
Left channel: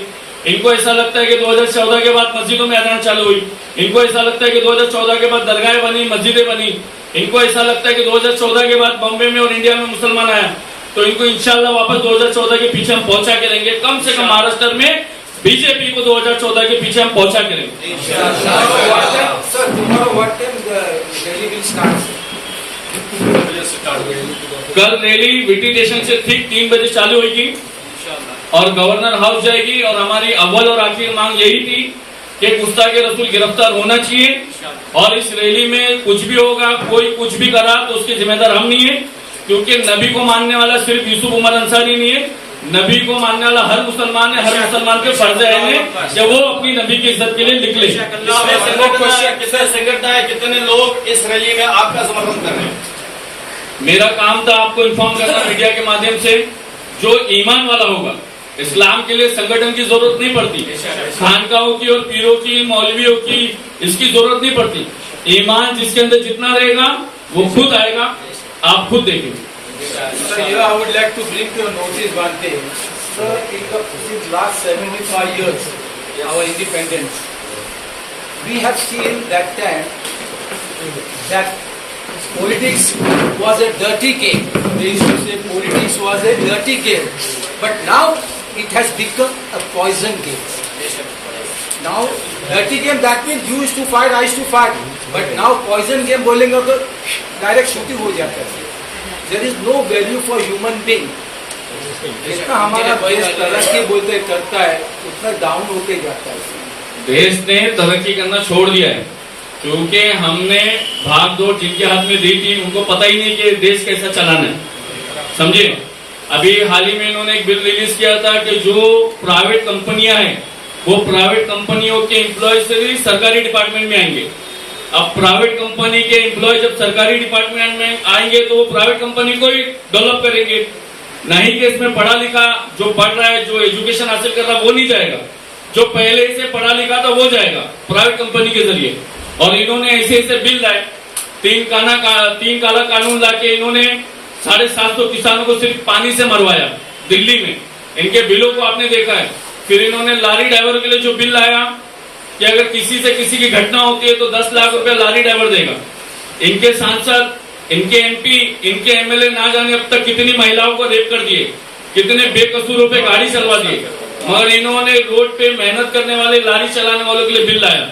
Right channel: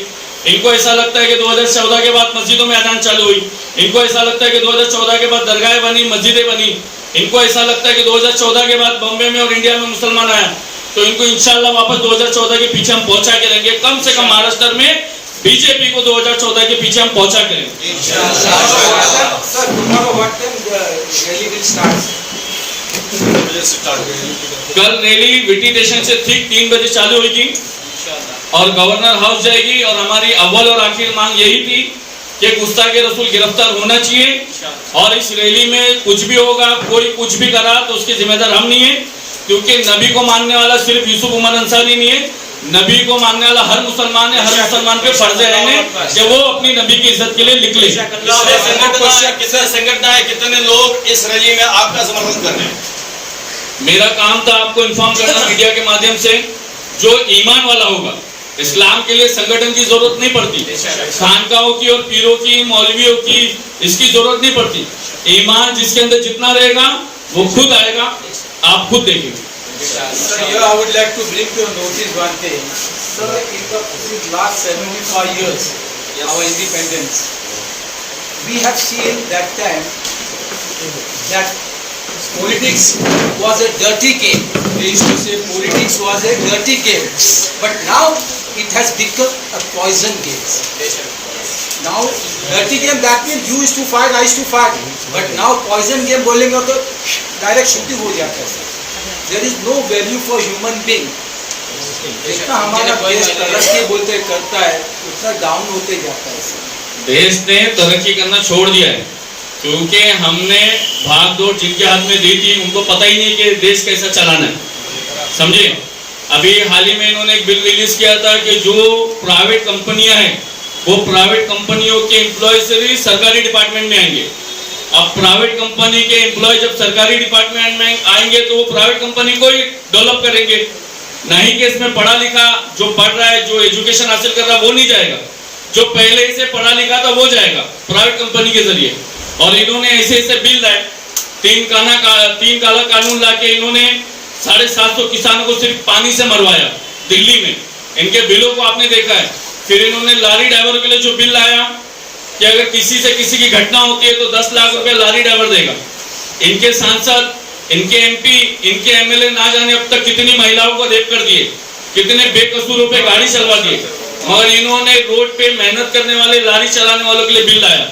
इनको ऐसा लगता है कि 2014 के बाद मस्जिदों में अजान चालू हुई। इनको ऐसा लगता है कि 2014 के बाद दरगाहें बनी, मस्जिदें बनी। इनको ऐसा लगता है कि 2014 के बाद बॉम्बे में और इंडिया में मुसलमान आया। तो इनको इंशाल्लाह वापस 2014 के पीछे हम पहुंचा के रहेंगे। कम से कम महाराष्ट्र में बीजेपी को 2014 के पीछे हम पहुंचा के रहेंगे। कल रैली वीटी स्टेशन से ठीक 3 बजे चालू होगी और गवर्नर हाउस जाएगी। और हमारी अव्वल और आखिर मांग यही थी कि गुस्ताखी रसूल गिरफ्तार होना चाहिए, और इस रैली में कुछ भी होगा, कोई कुछ भी करा तो उसके जिम्मेदार हम नहीं है। क्योंकि नबी को मानने वाला सिर्फ यूसुफ उमर अंसारी नहीं है, नबी को मानने वाला हर मुसलमान है। हर मुसलमान पे फर्ज है कि वो अपनी नबी की इज्जत के लिए निकले। कितने संगठन है, कितने लोग इस रैली में आपका समर्थन कर रहे हैं? मेरा काम था आपको इन्फॉर्म करना मीडिया के माध्यम से। जो ईमान वाला होगा, इस्लाम के लिए संगठन की जरूरत नहीं पड़ती, खानकाहों की और पीरों की, मौलवियों की, इसकी जरूरत नहीं पड़ती। ईमान जिसके अंदर जितना रहेगा वो खुद आएगा, आप खुद देखेंगे। Sir, here I would like to bring to your notice one thing. Sir, since last 75 years, our independence, we have seen that time that politics was a dirty game. They used to say politics was a dirty game. But now it has become a poison game. Now dirty game, that means you used to fight, I used to fight. But now poison game बोलेंगे तो direct shooting हो जाता है। There is no value for human being. जितना हमारा देश तरक्की बोलते करता है उतना डाउन होते जाता है। देश ने तरक्की करना छोड़ दिया है क्योंकि हमने भाग दौड़ जिनके हाथ में दी थी उनको पता ही नहीं कि देश कैसा चलाना है, समझे। अभी हाल ही में इन्होंने एक बिल रिलीज किया था कि जो प्राइवेट कंपनियां हैं वो प्राइवेट कंपनियों के एम्प्लॉय से भी सरकारी डिपार्टमेंट में आएंगे। अब प्राइवेट कंपनी के एम्प्लॉय जब सरकारी डिपार्टमेंट में आएंगे तो वो प्राइवेट कंपनी को ही डेवलप करेंगे, नहीं कि इसमें पढ़ा लिखा जो पढ़ रहा है, जो एजुकेशन हासिल कर रहा है वो नहीं जाएगा, जो पहले से पढ़ा लिखा था वो जाएगा प्राइवेट कंपनी के जरिए। और इन्होंने ऐसे ऐसे बिल लाए, 3 काला कानून ला के इन्होंने 750 किसानों को सिर्फ पानी से मरवाया दिल्ली में। इनके बिलों को आपने देखा है। फिर इन्होंने लारी ड्राइवर के लिए जो बिल लाया कि अगर किसी से किसी की घटना होती है तो 10 लाख रुपए लारी ड्राइवर देगा। इनके सांसद, इनके एमपी, इनके एमएलए ना जाने अब तक कितनी महिलाओं को रेप कर दिए, कितने बेकसूरों पे गाड़ी चलवा दिए, मगर इन्होंने रोड पे मेहनत करने वाले लारी चलाने वालों के लिए बिल लाया।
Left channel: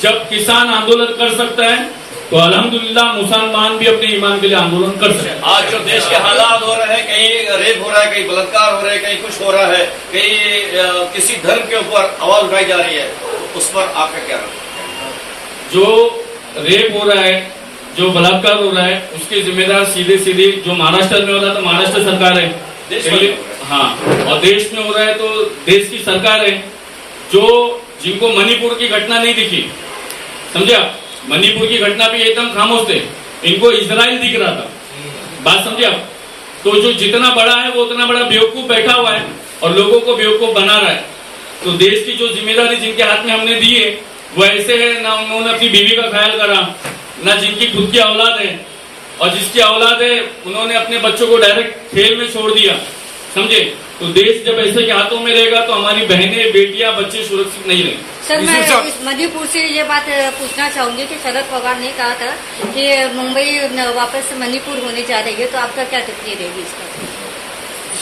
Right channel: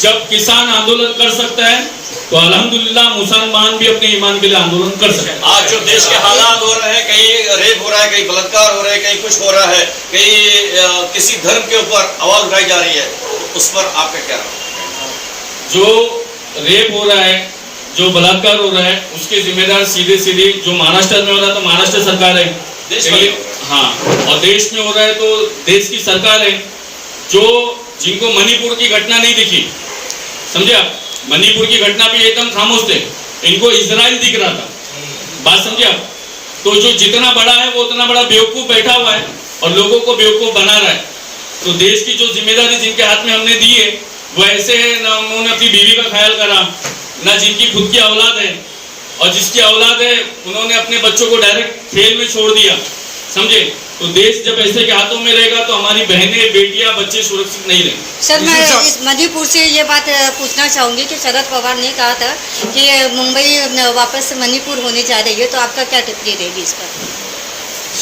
जब किसान आंदोलन कर सकता है तो अल्हम्दुलिल्लाह मुसलमान भी अपने ईमान के लिए आंदोलन कर सकते हैं। आज जो देश के हालात हो रहे हैं, कहीं रेप हो रहा है, कहीं बलात्कार हो रहा है, कहीं कुछ हो रहा है, कहीं किसी धर्म के ऊपर आवाज उठाई जा रही है, तो उस पर आपका क्या कहना है? जो रेप हो रहा है, जो बलात्कार हो रहा है, उसके जिम्मेदार सीधे जो महाराष्ट्र में हो रहा है तो महाराष्ट्र सरकार है, देश में, हाँ, और देश में हो रहा है तो देश की सरकार है। जो जिनको मणिपुर की घटना नहीं दिखी, समझे आप, मणिपुर की घटना पे एकदम खामोश थे, इनको इजराइल दिख रहा था, बात समझे आप। तो जो जितना बड़ा है वो उतना बड़ा बेवकूफ बैठा हुआ है और लोगों को बेवकूफ बना रहा है। तो देश की जो जिम्मेदारी जिनके हाथ में हमने दी है वो ऐसे है, ना उन्होंने अपनी बीवी का ख्याल करा, ना जिनकी खुद की औलाद है, और जिसकी औलाद है उन्होंने अपने बच्चों को डायरेक्ट खेल में छोड़ दिया, समझे। तो देश जब ऐसे के हाथों में रहेगा तो हमारी बहनें, बेटियां, बच्चे सुरक्षित नहीं रहेंगे। सर, मैं इस मणिपुर से ये बात पूछना चाहूँगी कि शरद पवार ने कहा था कि मुंबई वापस मणिपुर होने जा रही है, तो आपका क्या टिप्पणी रहेगी इस पर?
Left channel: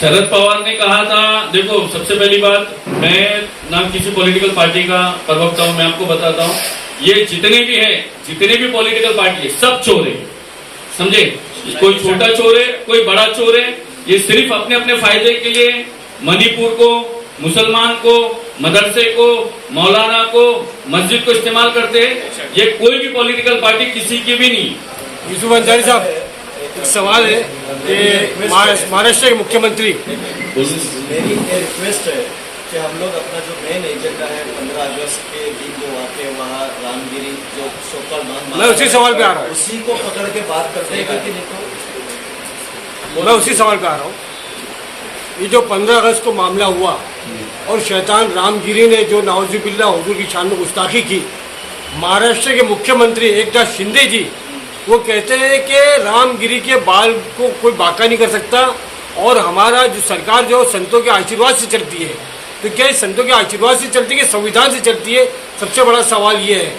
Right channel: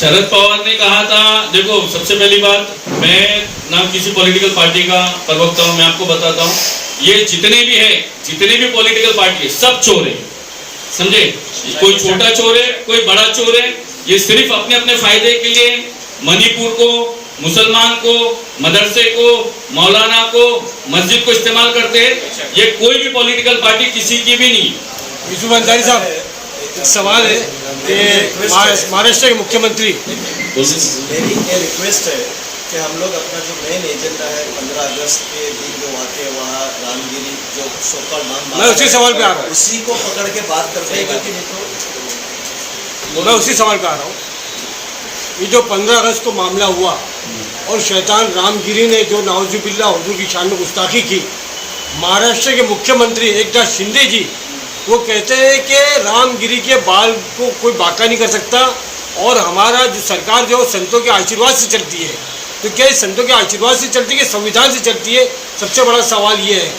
शरद पवार ने कहा था, देखो सबसे पहली बात, मैं ना किसी पॉलिटिकल पार्टी का प्रवक्ता हूँ, मैं आपको बताता हूँ, ये जितने भी है, जितने भी पॉलिटिकल पार्टी है, सब चोर है, समझे। कोई छोटा चोर है, कोई बड़ा चोर है, ये सिर्फ अपने अपने फायदे के लिए मणिपुर को, मुसलमान को, मदरसे को, मौलाना को, मस्जिद को इस्तेमाल करते हैं। ये कोई भी पॉलिटिकल पार्टी किसी की भी नहीं। यूसुफ अंसारी साहब, एक सवाल है कि महाराष्ट्र के मुख्यमंत्री, मेरी ये रिक्वेस्ट है कि हम लोग अपना जो मेन एजेंडा है 15 अगस्त के दिन जो वाक़ वहाँ रामगिरी जो सोकर नाम, मैं उसी सवाल पे आ रहा हूँ, उसी को पकड़ के बात करते हैं, क्योंकि नहीं तो मैं उसी सवाल पे आ रहा हूँ। ये जो 15 अगस्त को मामला हुआ और शैतान रामगिरी ने जो नाउजुबिल्लाह हुजूर की शान में गुस्ताखी की, महाराष्ट्र के मुख्यमंत्री एकनाथ शिंदे जी वो कहते हैं कि रामगिरी के बाल को कोई बाका नहीं कर सकता और हमारा जो सरकार जो संतों के आशीर्वाद से चलती है। तो क्या ये संतों के आशीर्वाद से चलती है, संविधान से चलती है? सबसे बड़ा सवाल ये है।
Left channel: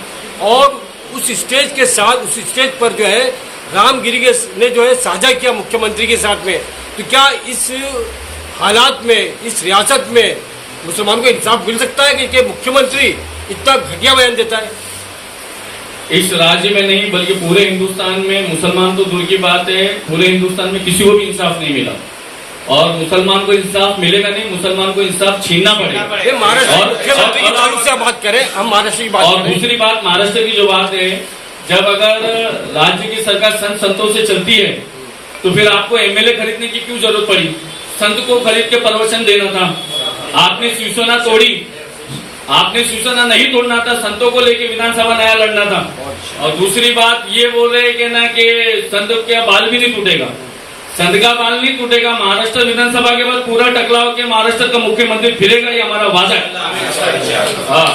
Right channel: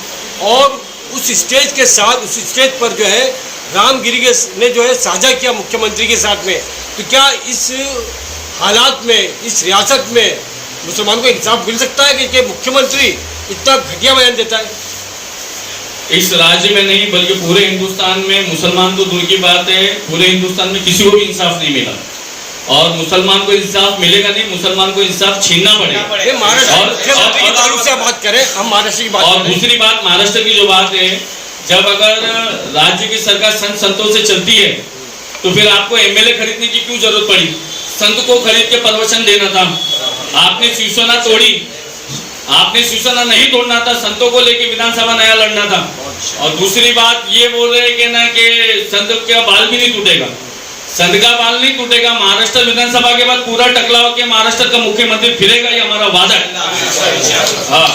और उस स्टेज के साथ, उस स्टेज पर जो है रामगिरी ने जो है साझा किया मुख्यमंत्री के साथ में, तो क्या इस हालात में, इस रियासत में मुसलमान को इंसाफ मिल सकता है कि मुख्यमंत्री इतना घटिया बयान देता है? इस राज्य में नहीं बल्कि पूरे हिंदुस्तान में, मुसलमान तो दूर की बात है, पूरे हिंदुस्तान में किसी को भी इंसाफ नहीं मिला और मुसलमान को इंसाफ मिलेगा नहीं, मुसलमान को इंसाफ छीनना पड़ेगा। और बात करें हम महाराष्ट्र की बात, और दूसरी बात महाराष्ट्र की जो बात है, जब अगर राज्य की सरकार संत संतों से चलती है तो फिर आपको एमएलए खरीदने की क्यों जरूरत पड़ी? संत को खरीद के प्रवचन देना था, आपने शिवसेना तोड़ी, आपने शिवसेना नहीं तोड़ना था, संतों को लेके विधानसभा नया लड़ना था। और दूसरी बात ये बोल रहे हैं कि ना कि संत का बाल भी नहीं टूटेगा, संत का बाल नहीं टूटेगा। महाराष्ट्र विधानसभा के बाद पूरा टकला होकर महाराष्ट्र का मुख्यमंत्री फिरेगा, ये हमारा वादा है। हाँ,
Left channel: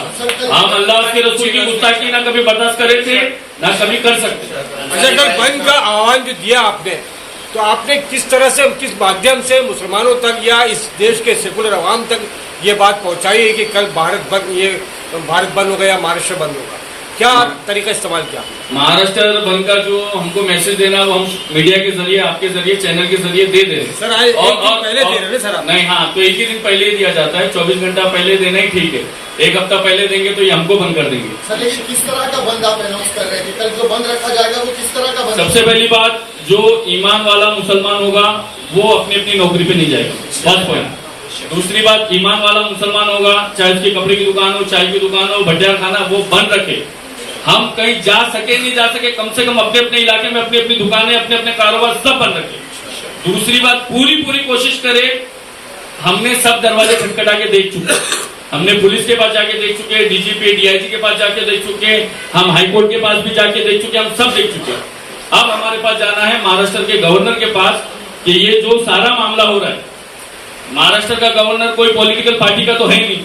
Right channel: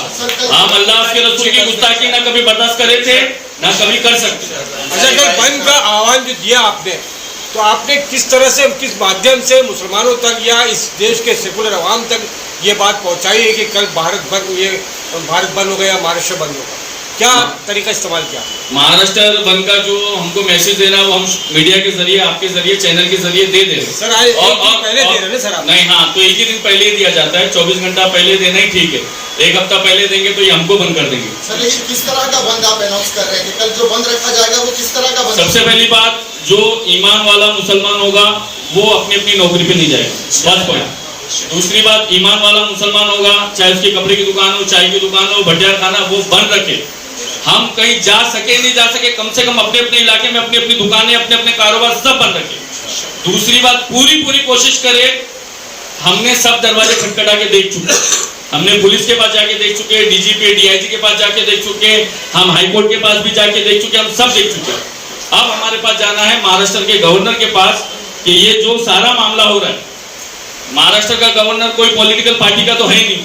हम अल्लाह उसके रसूल की गुस्ताखी ना कभी बर्दाश्त करे थे ना कभी कर सकते। अच्छा, कल बंद का आह्वान जो दिया आपने, तो आपने किस तरह से, किस माध्यम से मुसलमानों तक या इस देश के सेकुलर अवाम तक ये बात पहुंचाई है कि कल भारत बंद होगा या महाराष्ट्र बंद होगा? क्या तरीका इस्तेमाल किया? महाराष्ट्र बंद का जो हमको मैसेज देना वो हम मीडिया के जरिए, आपके जरिए, चैनल के जरिए दे रहे हैं सर। आज पहले दे रहे हैं सर आप? नहीं, हाँ, तो एक ही दिन पहले दिया जाता है, 24 घंटा पहले देना ही ठीक है। एक हफ्ता पहले देंगे तो ये हमको बंद कर देंगे। सर, लेकिन किस तरह का बंद आप अनाउंस कर रहे हैं कि कल जो बंद रखा जाएगा वो किस तरह का बंद? सबसे पहली बात, जो ईमान वाला मुसलमान होगा वो अपनी अपनी नौकरी पे नहीं जाएगा, फर्स्ट पॉइंट। दूसरी बात, ईमान वाला मुसलमान होगा, चाहे उसकी कपड़े की दुकान हो, चाय की दुकान हो, भटियार खाना, वो बंद रखे। हम कहीं जा सके नहीं जा सके, कम से कम अपने अपने इलाके में अपनी अपनी दुकानें, अपने अपने कारोबार सब बंद रखे। दूसरी बात, पूरी कोशिश करे, हमने सब दरवाजे खटखटा के देख चुके, हमने पुलिस के पास जाके देख चुके, डीजीपी डीआईजी के पास जाके देख चुके, हम हाईकोर्ट के पास भी जाके देख चुके, हम सब देख चुके। अब हमारे पास जाना है महाराष्ट्र के गवर्नर के पास कि ये जो सारा मामला हो रहा है, महाराष्ट्र का गवर्नर कोई पॉलिटिकल पार्टी का तो है नहीं,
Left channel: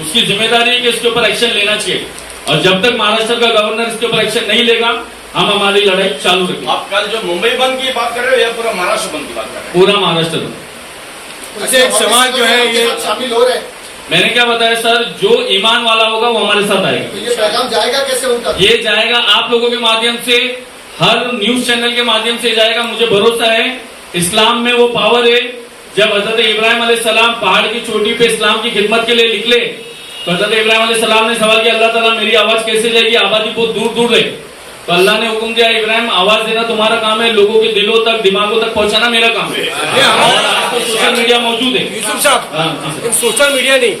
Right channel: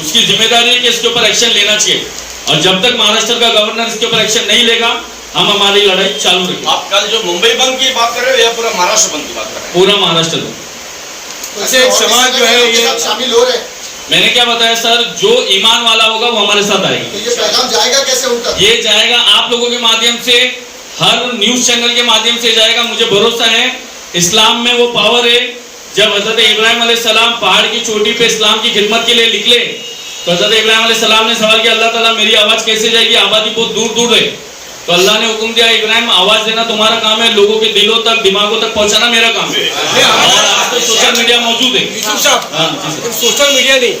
उसकी जिम्मेदारी है कि इसके ऊपर एक्शन लेना चाहिए। और जब तक महाराष्ट्र का गवर्नर इसके ऊपर एक्शन नहीं लेगा, हम हमारी लड़ाई चालू रखेंगे। आप कल जो मुंबई बंद की बात कर रहे हो या पूरा महाराष्ट्र बंद की बात कर रहे हैं? पूरा महाराष्ट्र बंद। अच्छा, एक सवाल जो है ये शामिल हो रहे हैं, मैंने क्या बताया सर, जो ईमान वाला होगा वो हमारे साथ आएगा। तो ये पैगाम जाएगा कैसे उनका? ये जाएगा आप लोगों के माध्यम से, हर न्यूज चैनल के माध्यम से जाएगा। मुझे भरोसा है इस्लाम में वो पावर है, जब हजरत इब्राहिम अलैहिस्सलाम पहाड़ की चोटी पे इस्लाम की खिदमत के लिए निकले तो हज़रत इब्राहिम अलैहिस्सलाम ने सवाल किया, अल्लाह ताला मेरी आवाज कैसे जाएगी, आबादी बहुत दूर दूर रहे। तो अल्लाह ने हुक्म दिया, इब्राहिम आवाज देना तुम्हारा काम है, लोगों के दिलों तक दिमागों तक पहुंचाना मेरा काम है। और आज तो सोशल मीडिया मौजूद है। यूसुफ साहब, हाँ, जी सर। सोशल मीडिया नहीं,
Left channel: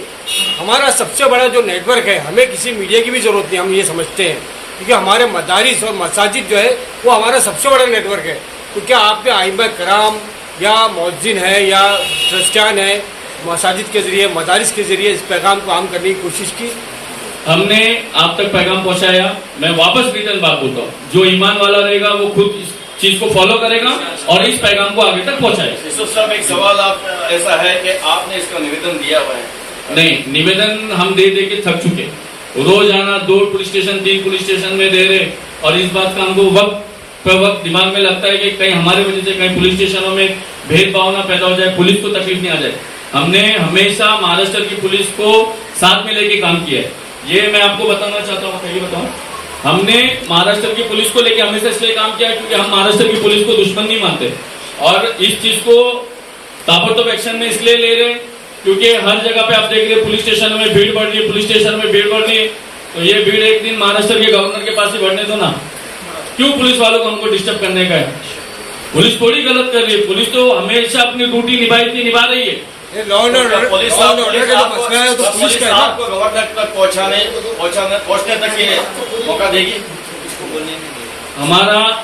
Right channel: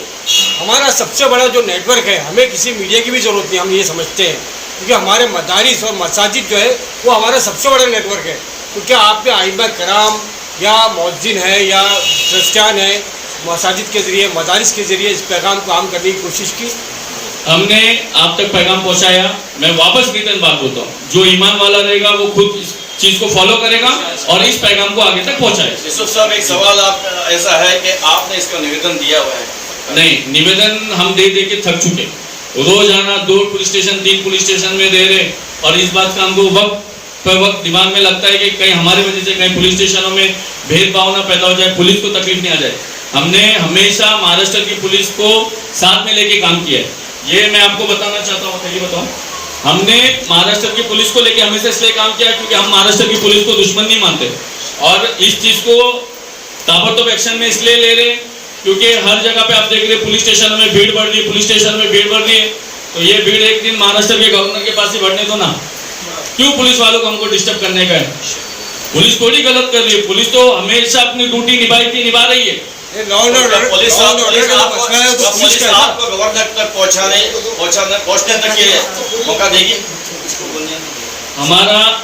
हमारा सबसे बड़ा जो नेटवर्क है, हमें किसी मीडिया की भी जरूरत नहीं, हम ये समझते हैं, क्योंकि हमारे मदारिस और मसाजिद जो है वो हमारा सबसे बड़ा नेटवर्क है। तो क्या आपने आइमा कराम या मौज़िन है या क्रिश्चियन है, मसाजिद के ज़रिए मदारिस के ज़रिए इस पैगाम को आम करने की कोशिश की? हमने आप तक पैगाम पहुंचाया। मैं वापस रिटर्न बात बोलता हूँ, जो ईमान वाला रहेगा वो खुद इस चीज को फॉलो करेगा और इस पैगाम को आगे तक पहुंचाएगा। यूसुफ साहब, एक सवाल आप ऐसा है कि आपने इसका निवेदन दिया हुआ है? नहीं, निवेदन हम दे दे के थक चुके। रोजाना 2 पुलिस स्टेशन 3 पुलिस स्टेशन में दे रहे, और इस बात का हमको वक्त पर वक्त दिमाग में लगता है कि कहीं हमारे वजह से कहीं पुलिस स्टेशनों में भेदभाव ना पैदा हो जाए, पुलिस को तकलीफ नहीं आ जाए। हमने हमेशा महाराष्ट्र की पुलिस को साथ में लेके काम किया है। ये मैं आपको बताना चाहता हूँ, बताइए बताओ। हमने महाराष्ट्र की पुलिस को लेके हमेशा इसलिए काम किया क्योंकि हम महाराष्ट्र की पुलिस को दुश्मन नहीं मानते, और इस चीज को ताबड़तोड़ एक्शन में इसलिए ले रहे क्योंकि हर जगह पे आप देख रहे पुलिस स्टेशन में भीड़ बढ़ रही है, पुलिस स्टेशन में भीड़ बढ़ रही है। तो ये भीड़ एक दिन महाराष्ट्र के गवर्नर के पास ही बढ़ने दो ना, क्यों पुलिस वालों को हमको डिस्टर्ब करने का है? पुलिस थोड़ी गलत कर रही है, पुलिस तो हमेशा अपनी ड्यूटी निभा रही है। पुलिस आपको गवर्नर तक पहुंचने तक ये मौका देगी?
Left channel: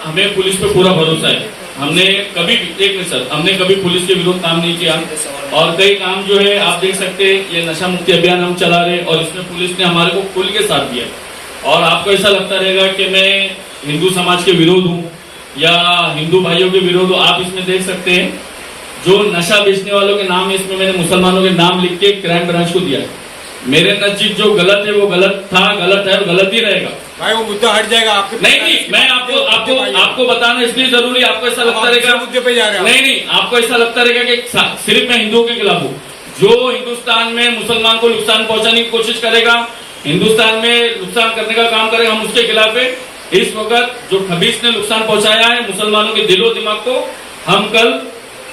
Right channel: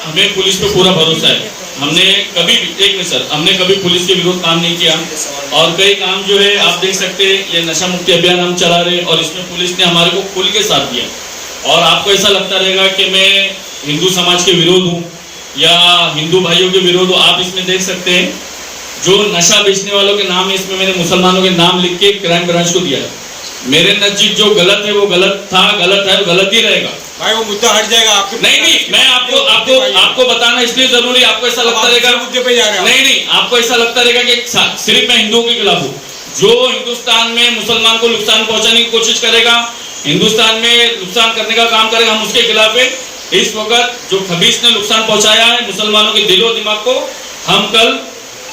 हमें पुलिस पे पूरा भरोसा है। हमने कभी भी एक मिनट सर, हमने कभी पुलिस के विरोध काम नहीं किया, और कई काम जो है आप देख सकते हैं, ये नशा मुक्ति अभियान हम चला रहे और इसमें पुलिस ने हमारे को खुल के साथ दिया। और आपको ऐसा लगता रहेगा कि मैं हिंदू समाज के विरोध हूँ या हिंदू भाइयों के विरोध हूँ। आप इसमें देख सकते हैं जो नशा बेचने वालों के नाम है, इसमें मैंने मुसलमानों के नाम लिख के क्राइम ब्रांच को दिया है। मेरे नजदीक जो गलत है वो गलत था, गलत है और गलत ही रहेगा। भाई वो मुद्दा हट जाएगा आपके। नहीं, मैं आपको बताना इसलिए जरूरी, आपको ऐसा लगता रहेगा मुद्दे पे जा रहे हैं। नहीं, आपको ऐसा लगता रहेगा कि सिर्फ मैं हिंदुओं के खिलाफ हूँ। जो हिंदुस्तान में मुसलमान को नुकसान पहुंचाने की कोशिश करेगा, हिंदुस्तान में नुकसान करने का काम करेगा, हम उसके खिलाफ है। इस वक्त जो खबीस ने नुकसान पहुंचाया है मुसलमानों के दिलो दिमाग को, हम कल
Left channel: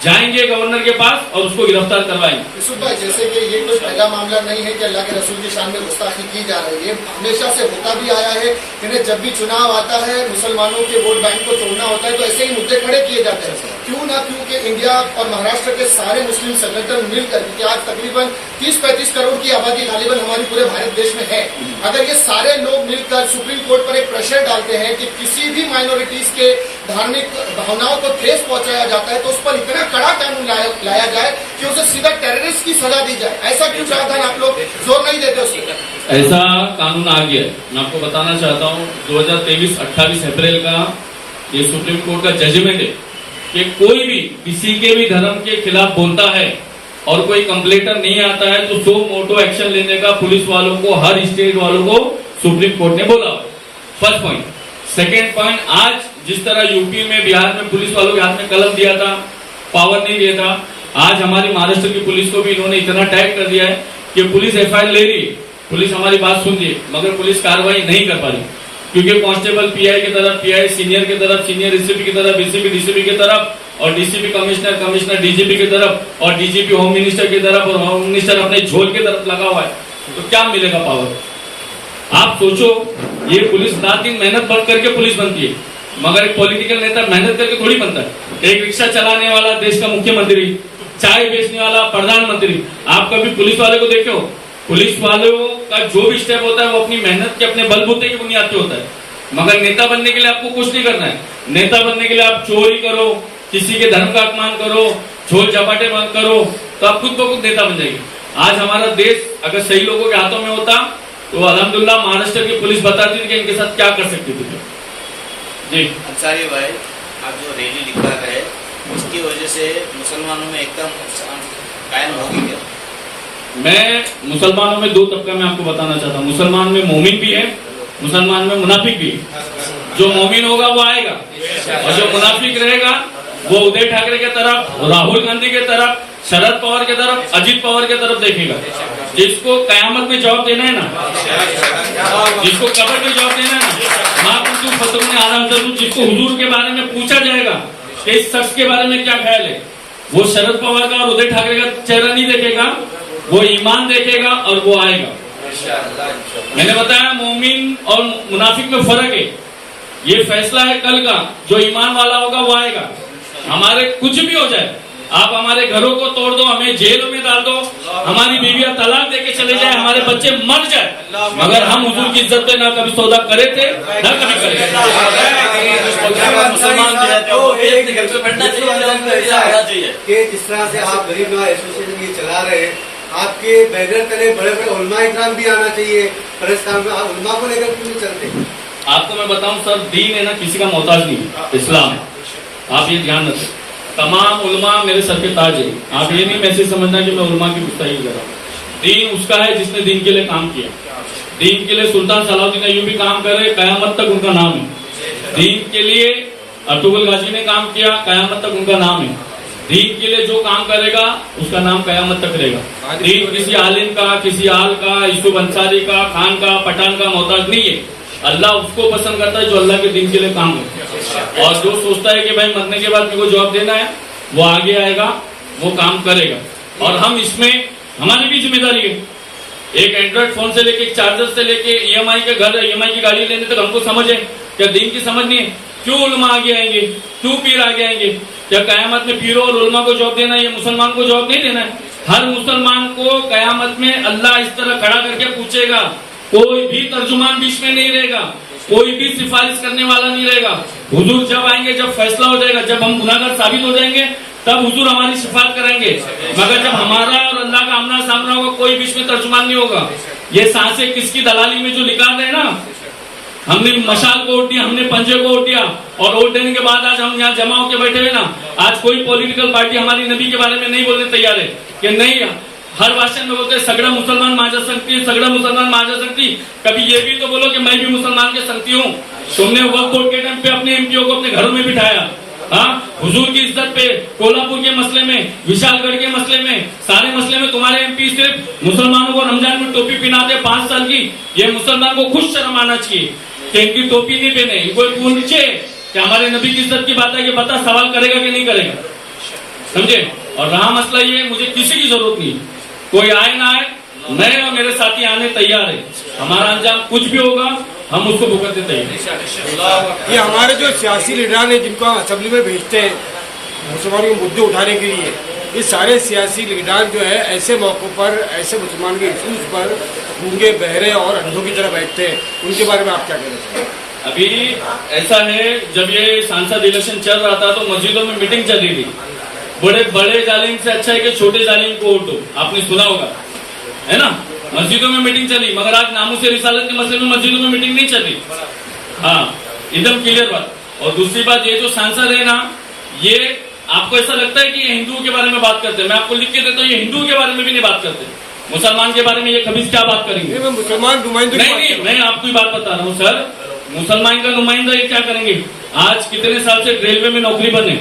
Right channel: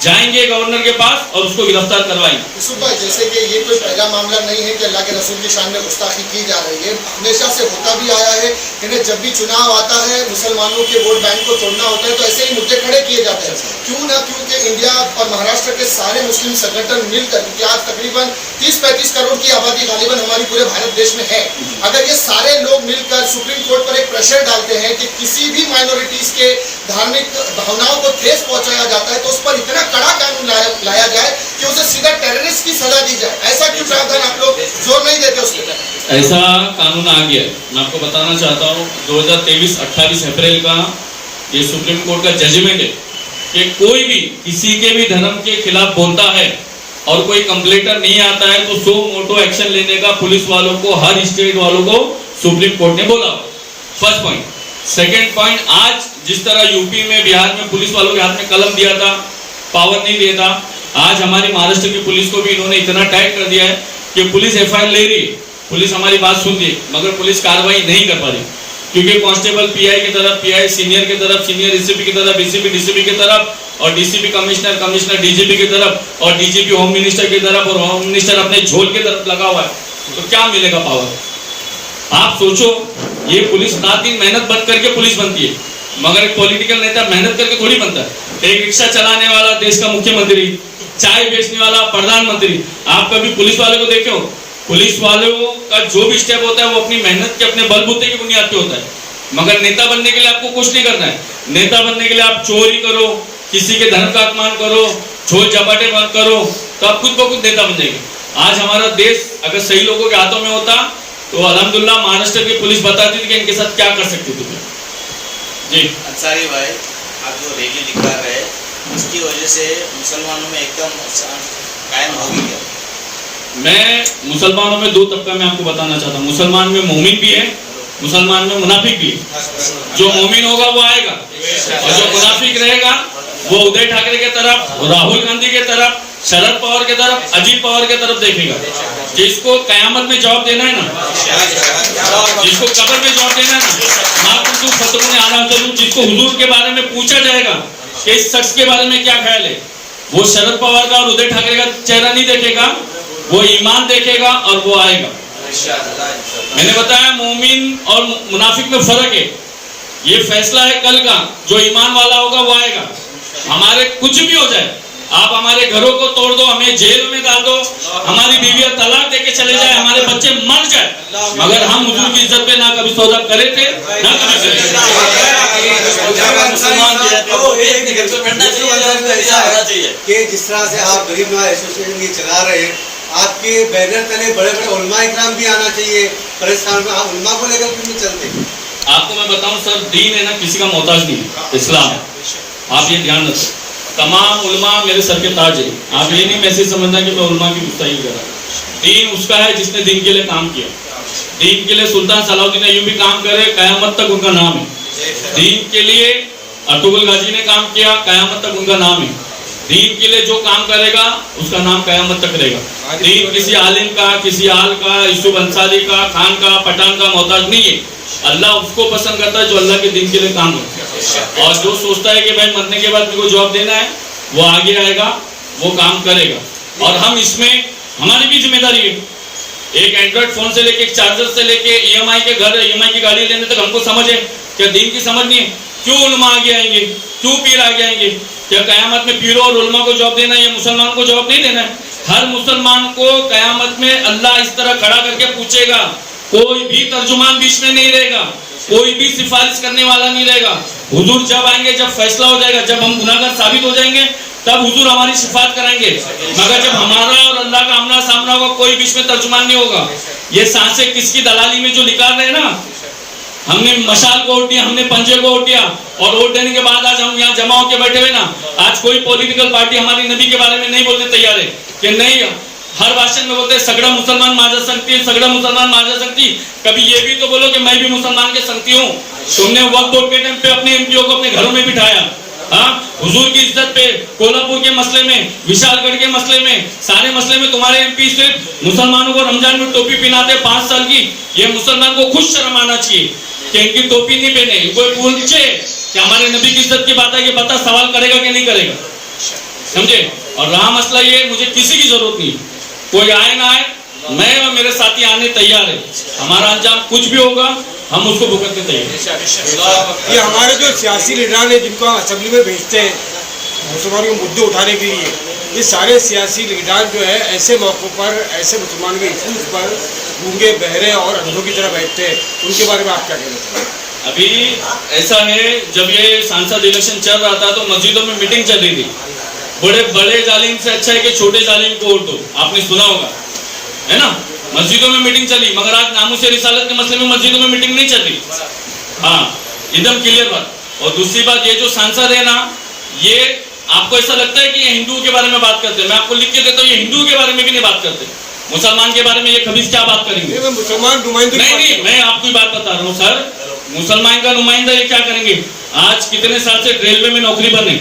जाएंगे गवर्नर के पास और उसको गिरफ्तार करवाएंगे। यूसुफ भाई, जैसे कि ये कोई पहला मामला नहीं है कि अल्लाह के रसूल की शान में गुस्ताखी की जा रही है, हमेशा से होता भी आया है। लेकिन जब भी चुनाव आता है, मुसलमानों के वोट बैंक को तोड़ना होता है, तो ऐसे ही मुद्दे खड़े किए जाते हैं। क्यों ना क्योंकि इंडिया और महाराष्ट्र के सारे मुस्लिम संगठन मिलकर, क्योंकि आज तकरीबन 30-35 करोड़ की आबादी गालिबन हमारी पूरे भारत देश में है, अगर ये सारे लोग मिलकर सुप्रीम कोर्ट पर एक प्रेशर डालते हैं कि किसी भी माइनॉरिटीज के धार्मिक भावनाओं को ठेस पहुंचाया जाता है, तो उस पर इतना कड़ा कानून लाया जाए कि उसे सीधा टेररिस्ट की सजा दी जाए। ऐसा क्यों प्रावधान आप लोग जोर नहीं देते उस पर? ऐसा कानून आ गया है। मैं आपको बताना चाहता हूँ 2023 28 अप्रैल का ये सुप्रीम कोर्ट का जजमेंट है कि कोई भी किसी के भी धर्म के खिलाफ बोलता है और कोई कंप्लेंटर नहीं आता है तो सो मोटो एक्शन लेने का पुलिस वालों को, हर स्टेट वालों को सुप्रीम कोर्ट ने बोला। First point. सेकेंड पॉइंट, आज जिस तरह यूपी में, बिहार में पुलिस वालों के हाथ में कलम दिया था, पावर नहीं दिया था, आज हमारी महाराष्ट्र की पुलिस को भी इन्होंने इतना टाइट कर दिया है कि पुलिस एफआईआर ले रही है, पुलिस हमारी बात सुन रही है, मगर पुलिस कार्रवाई नहीं कर पा रही क्योंकि कांस्टेबल पीआई की तरफ, पीआई सीनियर की तरफ, सीनियर एसीपी की तरफ, एसीपी डीसीपी की तरफ, और डीसीपी कमिश्नर, कमिश्नर डीजीपी की तरफ, और डीजीपी होम मिनिस्टर की तरफ, और होम मिनिस्टर अपने झोल की तरफ लगा हुआ है। तो क्या मिलेगा पावर? आप सोचो, ये पुलिस रात दिन मेहनत बंद करके पुलिस बनती है, मगर एक पॉलिटिकल नेता मेहनत करके थोड़ी बनता है। एक रिक्शा चलाने वाला देश का मुख्यमंत्री, चाय बेचने वाला प्रधानमंत्री, आप कभी पुलिस वाले को देखे हो? पुलिस वालों का जो भी स्टेप होता है वो अपनी मेहनत के, अपने बलबूते की बुनियाद पे होता है। मगर नेता बनने के लिए आपको कुछ नहीं करना है। नेता बनने के लिए आप चोरी करो, किसी के धर्म का अपमान करो, झोल झपाटे बंद करो, तो आप खुद ब खुद नेता बन जाएंगे। आज हमारा देश अगर सही लोगों के हाथों में होता तो अल्हम्दुलिल्लाह महाराष्ट्र की पुलिस बताती थी कि इनके साथ क्या कर सकती थी। जी अंसारी भाई, आप जो रैली निकाल रहे हैं उसकी वजह से मुसलमानों में एकदम कायम होगी क्या? मैं मुसलमानों में 2 तबका में आपको बताना चाहता हूँ। मुसलमान में मोमिन भी है, मुसलमान में मुनाफिक भी है। जो मोमिन होगा वो आएगा, और जो मुनाफिक रहेगा वो उदय ठाकरे के तरफ, राहुल गांधी के तरफ, शरद पवार के तरफ, अजीत पवार के तरफ देखेगा। जिसको कयामत में जवाब देना है ना, जिसको कब्र में जवाब देना है ना, माँ कुंतु फतरुन आलम जरूर, जिसको हुजूर के बारे में पूछा जाएगा कि इस शख्स के बारे में क्या ख्याल है, वो शरद पवार का और उदय ठाकरे का चेहरा नहीं देखेगा, वो ईमान देखेगा और वो आएगा। मैंने बताया मोमिन और मुनाफिक में फर्क है। ये फैसला है कल का, जो ईमान वाला होगा वो आएगा। हमारे कुछ भी हो जाए, आप हमारे घरों को तोड़ दो, हमें जेल में डाल दो, हमारी बीवियां तलाक देके चले जाए, हमारे बच्चे मर जाए, मगर हम हुजूर की इज्जत पे ना कभी सौदा करे थे ना कभी करेंगे। कि जिस तरह से आप गरीब नवाज एसोसिएशन की चला रहे हैं, आपके बैनर तले बड़े बड़े उलमा इकराम भी आना चाहिए प्रेस में, आप उलमा को लेकर क्यों नहीं चलते? आपको मैं बताऊं सर, दीन है ना किसी का मोहताज नहीं है, इस्लाम है, आप ये ध्यान रखें। तमाम उलमा मेरे सर के ताज है। आप ये नहीं मैसेज समझना कि मैं उलमा की गुस्ताखी कर रहा हूँ। दीन उसका है जिसने दीन के लिए काम किया। दीन के लिए सुल्तान सलाउद्दीन अय्यूबी काम करे, कयामत तक उनका नाम है। दीन के लिए अर्तुगरुल गाजी ने काम किया, कयामत तक उनका नाम है। दीन के लिए जो काम करेगा उसका नाम कयामत तक रहेगा। दीन किसी आलिम का, किसी आल का, यूसुफ अंसारी का, खान का, पठान का मोहताज नहीं है। अल्लाह उसको पसंद करता है जो अल्लाह के दिन के लिए काम करता है, और जो सोचता है कि भाई मरने के बाद मेरे को जवाब देना है, वो आगे आएगा, वो काम करेगा। और हम इसमें हमारी भी जिम्मेदारी है। एक एंड्रॉइड फोन से लेके, एक चार्जर से लेके, ईएमआई के घर, ईएमआई की गाड़ी लेने तक हमको समझ है। क्या दीन की समझ नहीं है? क्यों उलमा आगे आएंगे, क्यों पीर आगे आएंगे? क्या कयामत में पीरों और उलमा को जवाब देना है या मुसलमान को जवाब नहीं देना है? हर मुसलमान को कयामत में अल्लाह इस तरह खड़ा करके पूछेगा, कोई भी तर्जुमान बीच में नहीं रहेगा, कोई भी सिफारिश करने वाला नहीं रहेगा। हुजूर जब आएंगे, जब फैसला हो जाएगा, जब हम गुनाहगार साबित हो जाएंगे, तब हुजूर हमारी शिफात कराएंगे। मगर जब हमारा और अल्लाह का आमना सामना होगा, कोई बीच में तर्जुमान नहीं होगा। ये सांसें किसकी दलाली में जो निकाल रहे हैं ना, हमने मशाल को वोट दिया, हमने पंजे को वोट दिया, और वोट देने के बाद आज हम यहाँ जमा होकर बैठे हुए ना। आज कोई पॉलिटिकल पार्टी हमारी नबी के बारे में नहीं बोलने तैयार है कि नहीं। हर भाषण में बोलते सगड़ा मुसलमान माझा संगती, सगड़ा मुसलमान माझा संगती। कभी ये भी तो बोलो कि मैं भी मुसलमान के संगती हूँ। तुमने वक्फ बोर्ड के टाइम पे अपने एमपीओ को अपने घरों में बिठाया, हाँ, हुजूर की इज्जत पे, कोल्हापुर के मसले में, विशालगढ़ के मसले में, सारे मसले में तुम्हारे एमपी सिर्फ मुसलमानों को रमजान में टोपी पहनाते 5 साल की। ये मुसलमान को खुद शर्म आना चाहिए कि इनकी टोपी नहीं पहने। इनको पूछे कि हमारे नबी की इज्जत की बात है कि बता सवाल करेगा कि नहीं करेगा, समझे? और रहा मसला ये, मुझे किसी की जरूरत नहीं, कोई आए ना आए, मैं और मेरे साथी आने तैयार है। हमारा अंजाम कुछ भी होगा, हम उसको भुगतने तैयार हैं। ये हमारे जो सियासी लीडर है जिनको हम असेंबली में भेजते हैं मुसलमानों के मुद्दे उठाने के लिए, ये सारे सियासी लीडर जो है ऐसे मौक़ों पर, ऐसे मुसलमान के इशूज़ पर गूंगे, बहरे और अंधों की तरह बैठते हैं। उनके बारे में आप क्या कहना चाहेंगे? अभी ऐसा है, जब ये सांसद इलेक्शन चल रहा था तो मस्जिदों में मीटिंग चल रही थी। बड़े बड़े जालिम से अच्छा है कि छोटे जालिम को वोट दो, आपने सुना होगा, है ना? मस्जिदों में मीटिंग चली, मगर आज नामूस रिसालत के मसले में मस्जिदों में मीटिंग नहीं चली। हाँ, एकदम क्लियर बात। और दूसरी बात, ये जो सांसद है ना, ये आपको ऐसा लगता है कि ये हिंदुओं के बारे में बात करते हैं। मैं आपको लिख के देता हूँ, ये हिंदुओं के बारे में भी नहीं बात करते। मुसलमान के बारे में ये खबीस क्या बात करेंगे? मुसलमान नुमाइंदे नहीं, मैं आपको ही बात बता रहा हूँ सर। मुसलमान का नुमाइंदा ये क्या करेंगे? आज कितने साल से रेलवे में नौकरी बने,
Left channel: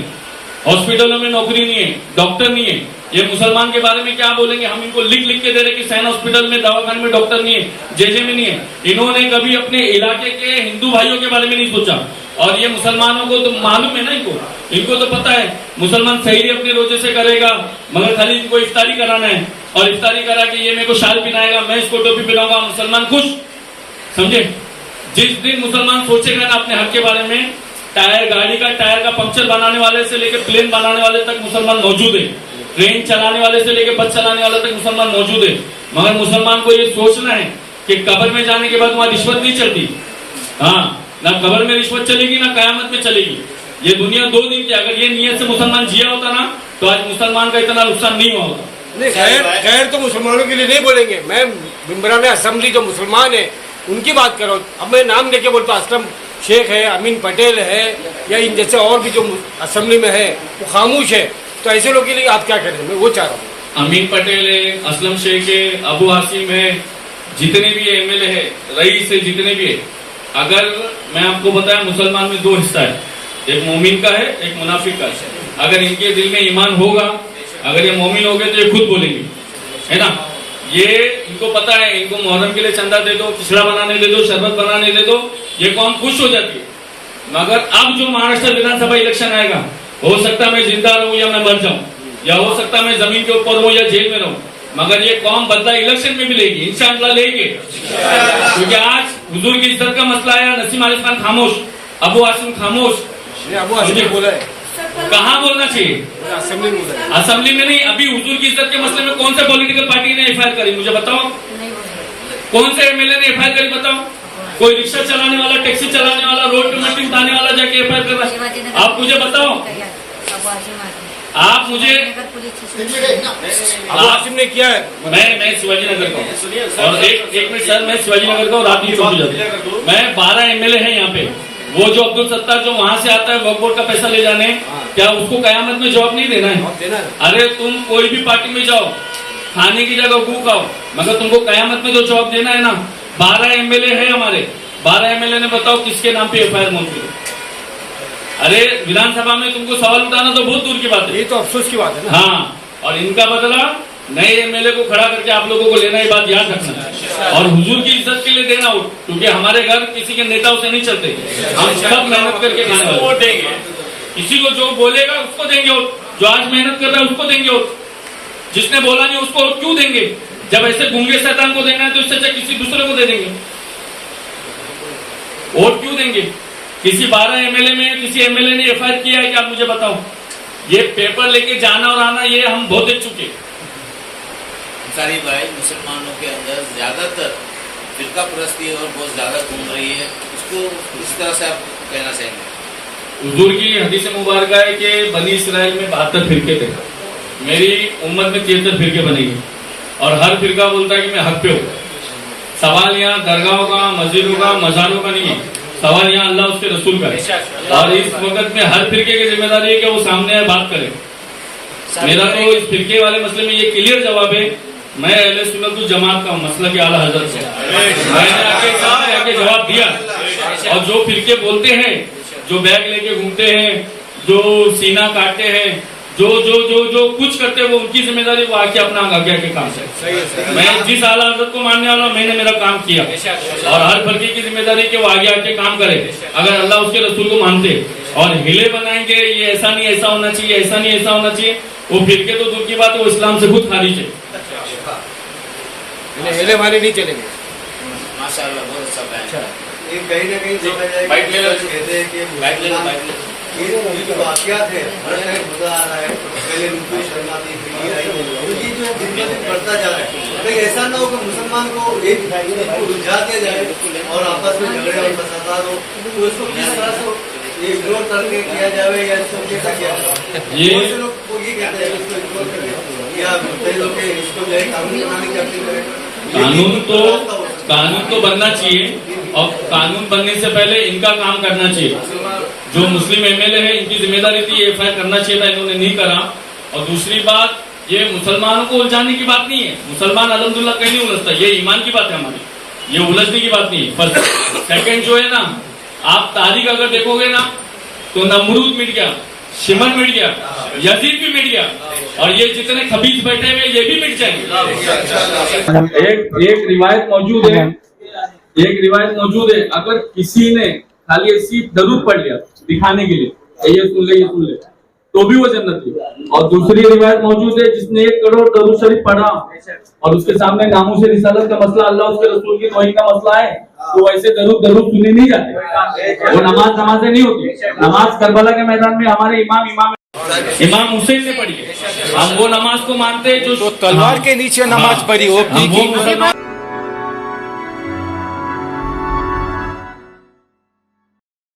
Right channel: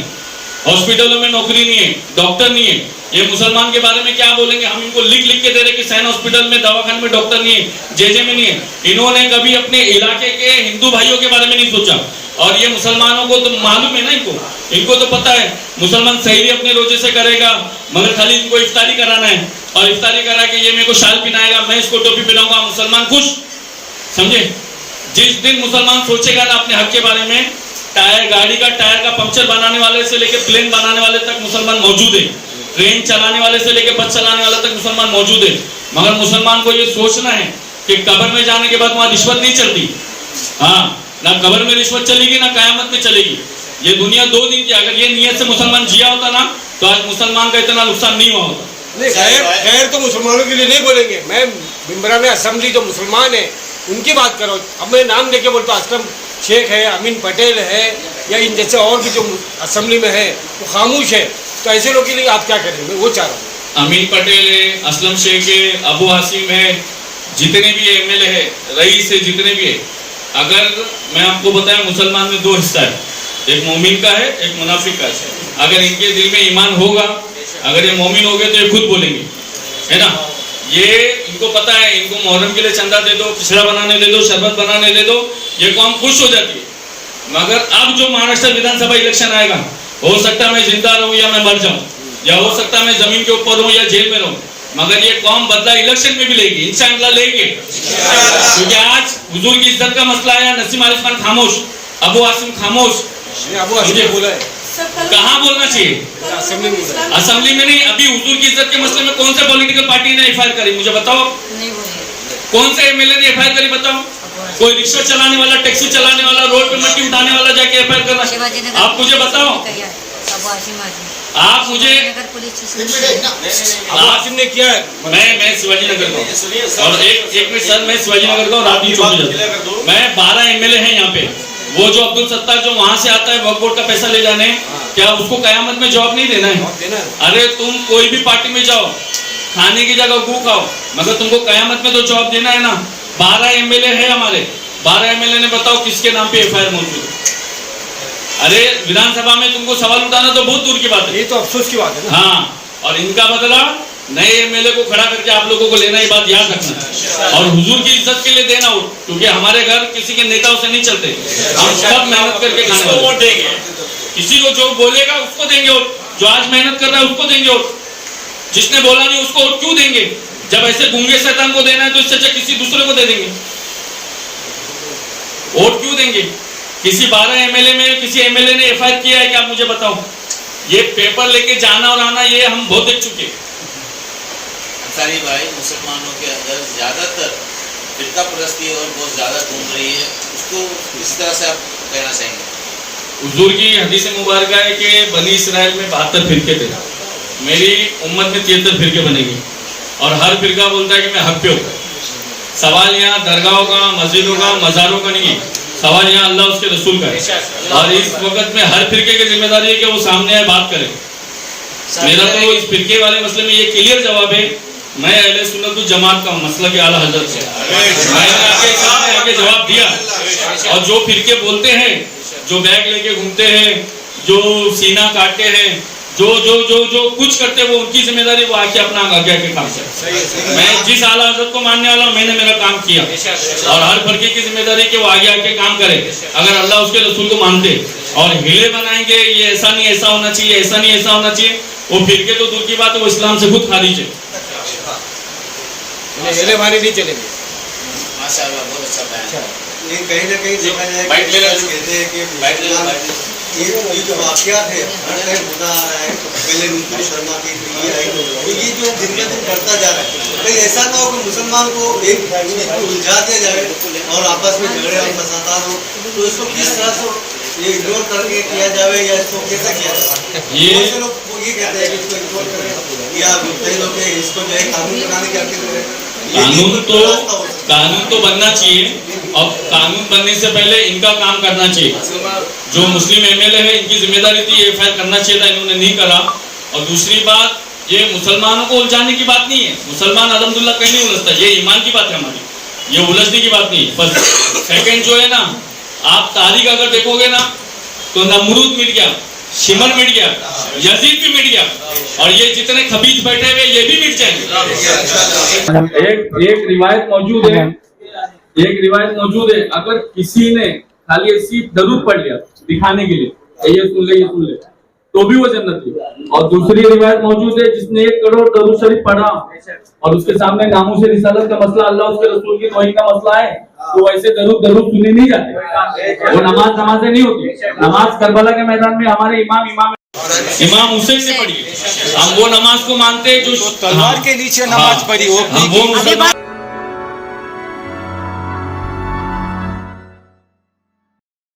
हॉस्पिटलों में नौकरी नहीं है, डॉक्टर नहीं है। ये मुसलमान के बारे में क्या बोलेंगे? हम इनको लिख लिख के दे रहे कि सैन हॉस्पिटल में, दवाखाने में डॉक्टर नहीं है, जेजे में नहीं है। इन्होंने कभी अपने इलाके के हिंदू भाइयों के बारे में नहीं सोचा। और ये मुसलमानों को तो मालूम है ना, इनको तो पता है मुसलमान सहरी अपने रोजे से करेगा, मगर खाली इनको इफ्तारी कराना है, और इफ्तारी करा के ये मेरे को शाल पहनाएगा, मैं इसको टोपी पहनाऊंगा, मुसलमान खुश, समझे? जिस दिन मुसलमान सोचेगा ना अपने हक के बारे में, टायर, गाड़ी का टायर का पंक्चर बनाने वाले से लेके प्लेन बनाने वाले तक मुसलमान मौजूद है, ट्रेन चलाने वाले से लेके बस चलाने वाले तक मुसलमान मौजूद है। मगर मुसलमान को ये सोचना है कि कब्र में जाने के बाद वहां रिश्वत नहीं चलती। हाँ, ना कब्र में रिश्वत चलेगी, ना कयामत में चलेगी। ये दुनिया 2 दिन की, अगर ये नियत से मुसलमान जिया होता ना, तो आज मुसलमान का इतना नुकसान नहीं हुआ होता। नहीं, खैर तो मुसलमानों के लिए नहीं बोलेंगे। मैं मेंबरान असेंबली जो मुसलमान है उनकी बात कर रहा हूँ। अब मैं नाम लेके बोलता हूँ, असलम शेख है, अमीन पटेल है, या इन जैसे और भी जो असेंबली में है वो खामोश है। तो ऐसे लोगों के लिए आप क्या करेंगे? मैं वो चाह रहा हूँ। अमीन पटेल है, असलम शेख है, अबू हासिम है, जितने भी एमएलए है, रईस है, जितने भी है, अगर मैं आपको बताया, मुसलमान में 2 हिस्सा है, एक मोमिन का है, एक मुनाफिक का है। अगर इनके दिल में ईमान होगा, अगर ये मोमिन हो गए तो ये खुद बोलेंगे, है ना? ये इनको पता है, इनको मुहर्रम के लिए चंदा दे दो, खिचड़ा बनाने दे दो, शरबत बनाने दे दो, ये कौम खुश हो जाती है। मगर अब जो महाराष्ट्र विधानसभा इलेक्शन आएगा, हो सकता है मैं जिंदा रहूं या मैं मर जाऊं, या हो सकता है मैं जमीन के ऊपर हूं या जेल में रहूं, मगर ये कौम बदला इलेक्शन में भी लेगी, इंशाअल्लाह लेंगे। क्योंकि आज हुजूर की इज्जत का मसला आया, नसीम आरिफ खान खामोश, अबू आसिम खामोश। अबू आसिम बोला है, कहाँ बोलना चाहिए? असेंबली में नहीं। अभी हुजूर की इज्जत के मसले में कौन से पॉलिटिकल पार्टी ने एफआईआर करी? मुझे बताओ, कौन से एमएलए ने एफआईआर करी? बताओ। कोई रिक्शा चलाने वाला, टैक्सी चलाने वाला, रोड पे मट्टी उठाने वाला जाके एफआईआर कर रहा है? आप मुझे बताओ, आप मुझे अबू आसिम ने किया है। मैं शिवाजी नगर का हूँ। और एक मिनट सर, मैं शिवाजी नगर का हूँ, रात में चौकी जाता। मैं 12 एमएलए हैं यहाँ पे। वो जो अब्दुल सत्तार जो वहां से आता है वक्फ बोर्ड का पैसा ले जाने, क्या उसको कयामत में जवाब नहीं देना है? अरे तुम कोई भी पार्टी में जाओ, खाने की जगह गू खाओ, मगर तुमको कयामत में तो जवाब देना है ना। 12 एमएलए है हमारे, 12 एमएलए ने बताओ किसके नाम पे एफआईआर मौजूद है? अरे विधानसभा में तुमको सवाल उठाना तो बहुत दूर की बात है। ये तो अफसोस की बात है ना। हाँ, और इनका बदला नए एमएलए को खड़ा करके आप लोगों को लेना, ये बात याद रखना। और हुजूर की इज्जत के लिए देना वोट, क्योंकि हमारे घर किसी के नेताओं से नहीं चलते, हम सब मेहनत करके खाने वाले वोट देंगे। किसी को जो बोलेगा उसको देंगे वोट, जो आज मेहनत कर रहा है उसको देंगे वोट, जिसने बोला नहीं उसको वोट क्यों देंगे? जब ऐसे गूंगे शैतान को देना है तो इससे अच्छा किसी दूसरे को दे देंगे। वोट क्यों देंगे? किसी 12 एमएलए में किसी एमएलए ने एफआईआर किया है कि आप मुझे बताओ? ये पेपर लेके जाना और आना ये हम बहुत देख चुके। अंसारी भाई, मुसलमानों के अंदर ज्यादातर फिरका परस्ती और बहुत ज्यादा घूम रही है, उसको किस तरह से आप कहना चाहेंगे? हुजूर की हदीस मुबारक है कि बनी इसराइल में 72 फिरके थे, मेरी उम्मत में 73 फिरके बनेंगे और हर फिरका बोलता है कि मैं हक पे हूँ। सवाल यहाँ दरगाहों का, मस्जिदों का, मज़ारों का नहीं है, सवाल यहाँ अल्लाह उसके रसूल का है। और इस वक्त में हर फिरके की जिम्मेदारी है कि वो सामने आए, बात करें। मेरा तो इस फिरके वाले मसले में ये क्लियर जवाब है, मैं अहले सुन्नत जमात का मसला के आला हजरत से मैंने आके सामने आके जवाब दिया। और जो फिरके बोलते हैं, जो बैग लेके घूमते हैं, जो सीना काटते हैं, जो जो जो जो कुछ करते हैं, वो उनकी जिम्मेदारी, वो आके अपना आगे के काम से। मैं जिस आला हजरत को मानने वाला हूं, मैंने मेरा काम किया और हर फर्के की जिम्मेदारी कि वो आगे आके काम करे। अगर अल्लाह उसके रसूल को मानते और हिले बनाएंगे ये ऐसा नहीं ऐसा होना चाहिए, ऐसा नहीं ऐसा होना चाहिए, वो फिरके तो दूर की बात है, वो इस्लाम से खुद खारिज है। हिले वाले नहीं चलेंगे। माशाअल्लाह, बहुत अच्छा बयान। ये कहीं ना कहीं देखा जाए कहते हैं कि ये जो वाकयात है हर टाइम होता आ रहा है। पहले नुपुर शर्मा की ये जो दिन ब दिन बढ़ता जा रहा है, कहीं ऐसा ना हो कि मुसलमान को एक को उलझा दिया जाए और आपस में झगड़े और फसादात हो, तो इसको किस तरह से ये इग्नोर करके किया जाए या इसको कैसे किया जाए? ये लोग ये कहते हैं कि इसको इग्नोर करें या कई लोग इसको जो है कानून बनाने की कानून तो बनना चाहिए और कानून बनने से पहले इनका काम करना चाहिए। जो मुस्लिम एमएलए है इनकी जिम्मेदारी थी एफआईआर करना चाहिए था, इन्होंने नहीं करा। और दूसरी बात, ये मुसलमानों को उलझाने की बात नहीं है, मुसलमान अल्हम्दुलिल्लाह कहीं नहीं उलझता, ये ईमान की बात है हमारी, ये उलझने की बात नहीं है। फर्स्ट सेकंड जो है ना, आप तारीख अगर देखोगे ना तो नमरूद मिट गया, शिमर मिट गया, यजीद भी मिट गया और ये जितने खबीज बैठे हुए ये भी मिट जाएंगे। एक रिवायत मौजूद है, अगर किसी ने खाली ऐसी दरूद पढ़ लिया दिखाने के लिए, ये सुन ले तो भी वो जन्नत है। और दूसरी रिवायत मौजूद है, जिसने 1 करोड़ दरूद शरीफ पढ़ा और उसके सामने नामूस रिसालत का मसला, अल्लाह उसके रसूल की तौहीद का मसला है, तो ऐसे दरूद सुने नहीं जाते, वो नमाज नहीं होती। नमाज करबला के मैदान में हमारे इमाम हुसैन से पढ़ी है, हम वो नमाज को मानते हैं जो तलवार के नीचे नमाज पढ़ी हो, हम वो मुसलमान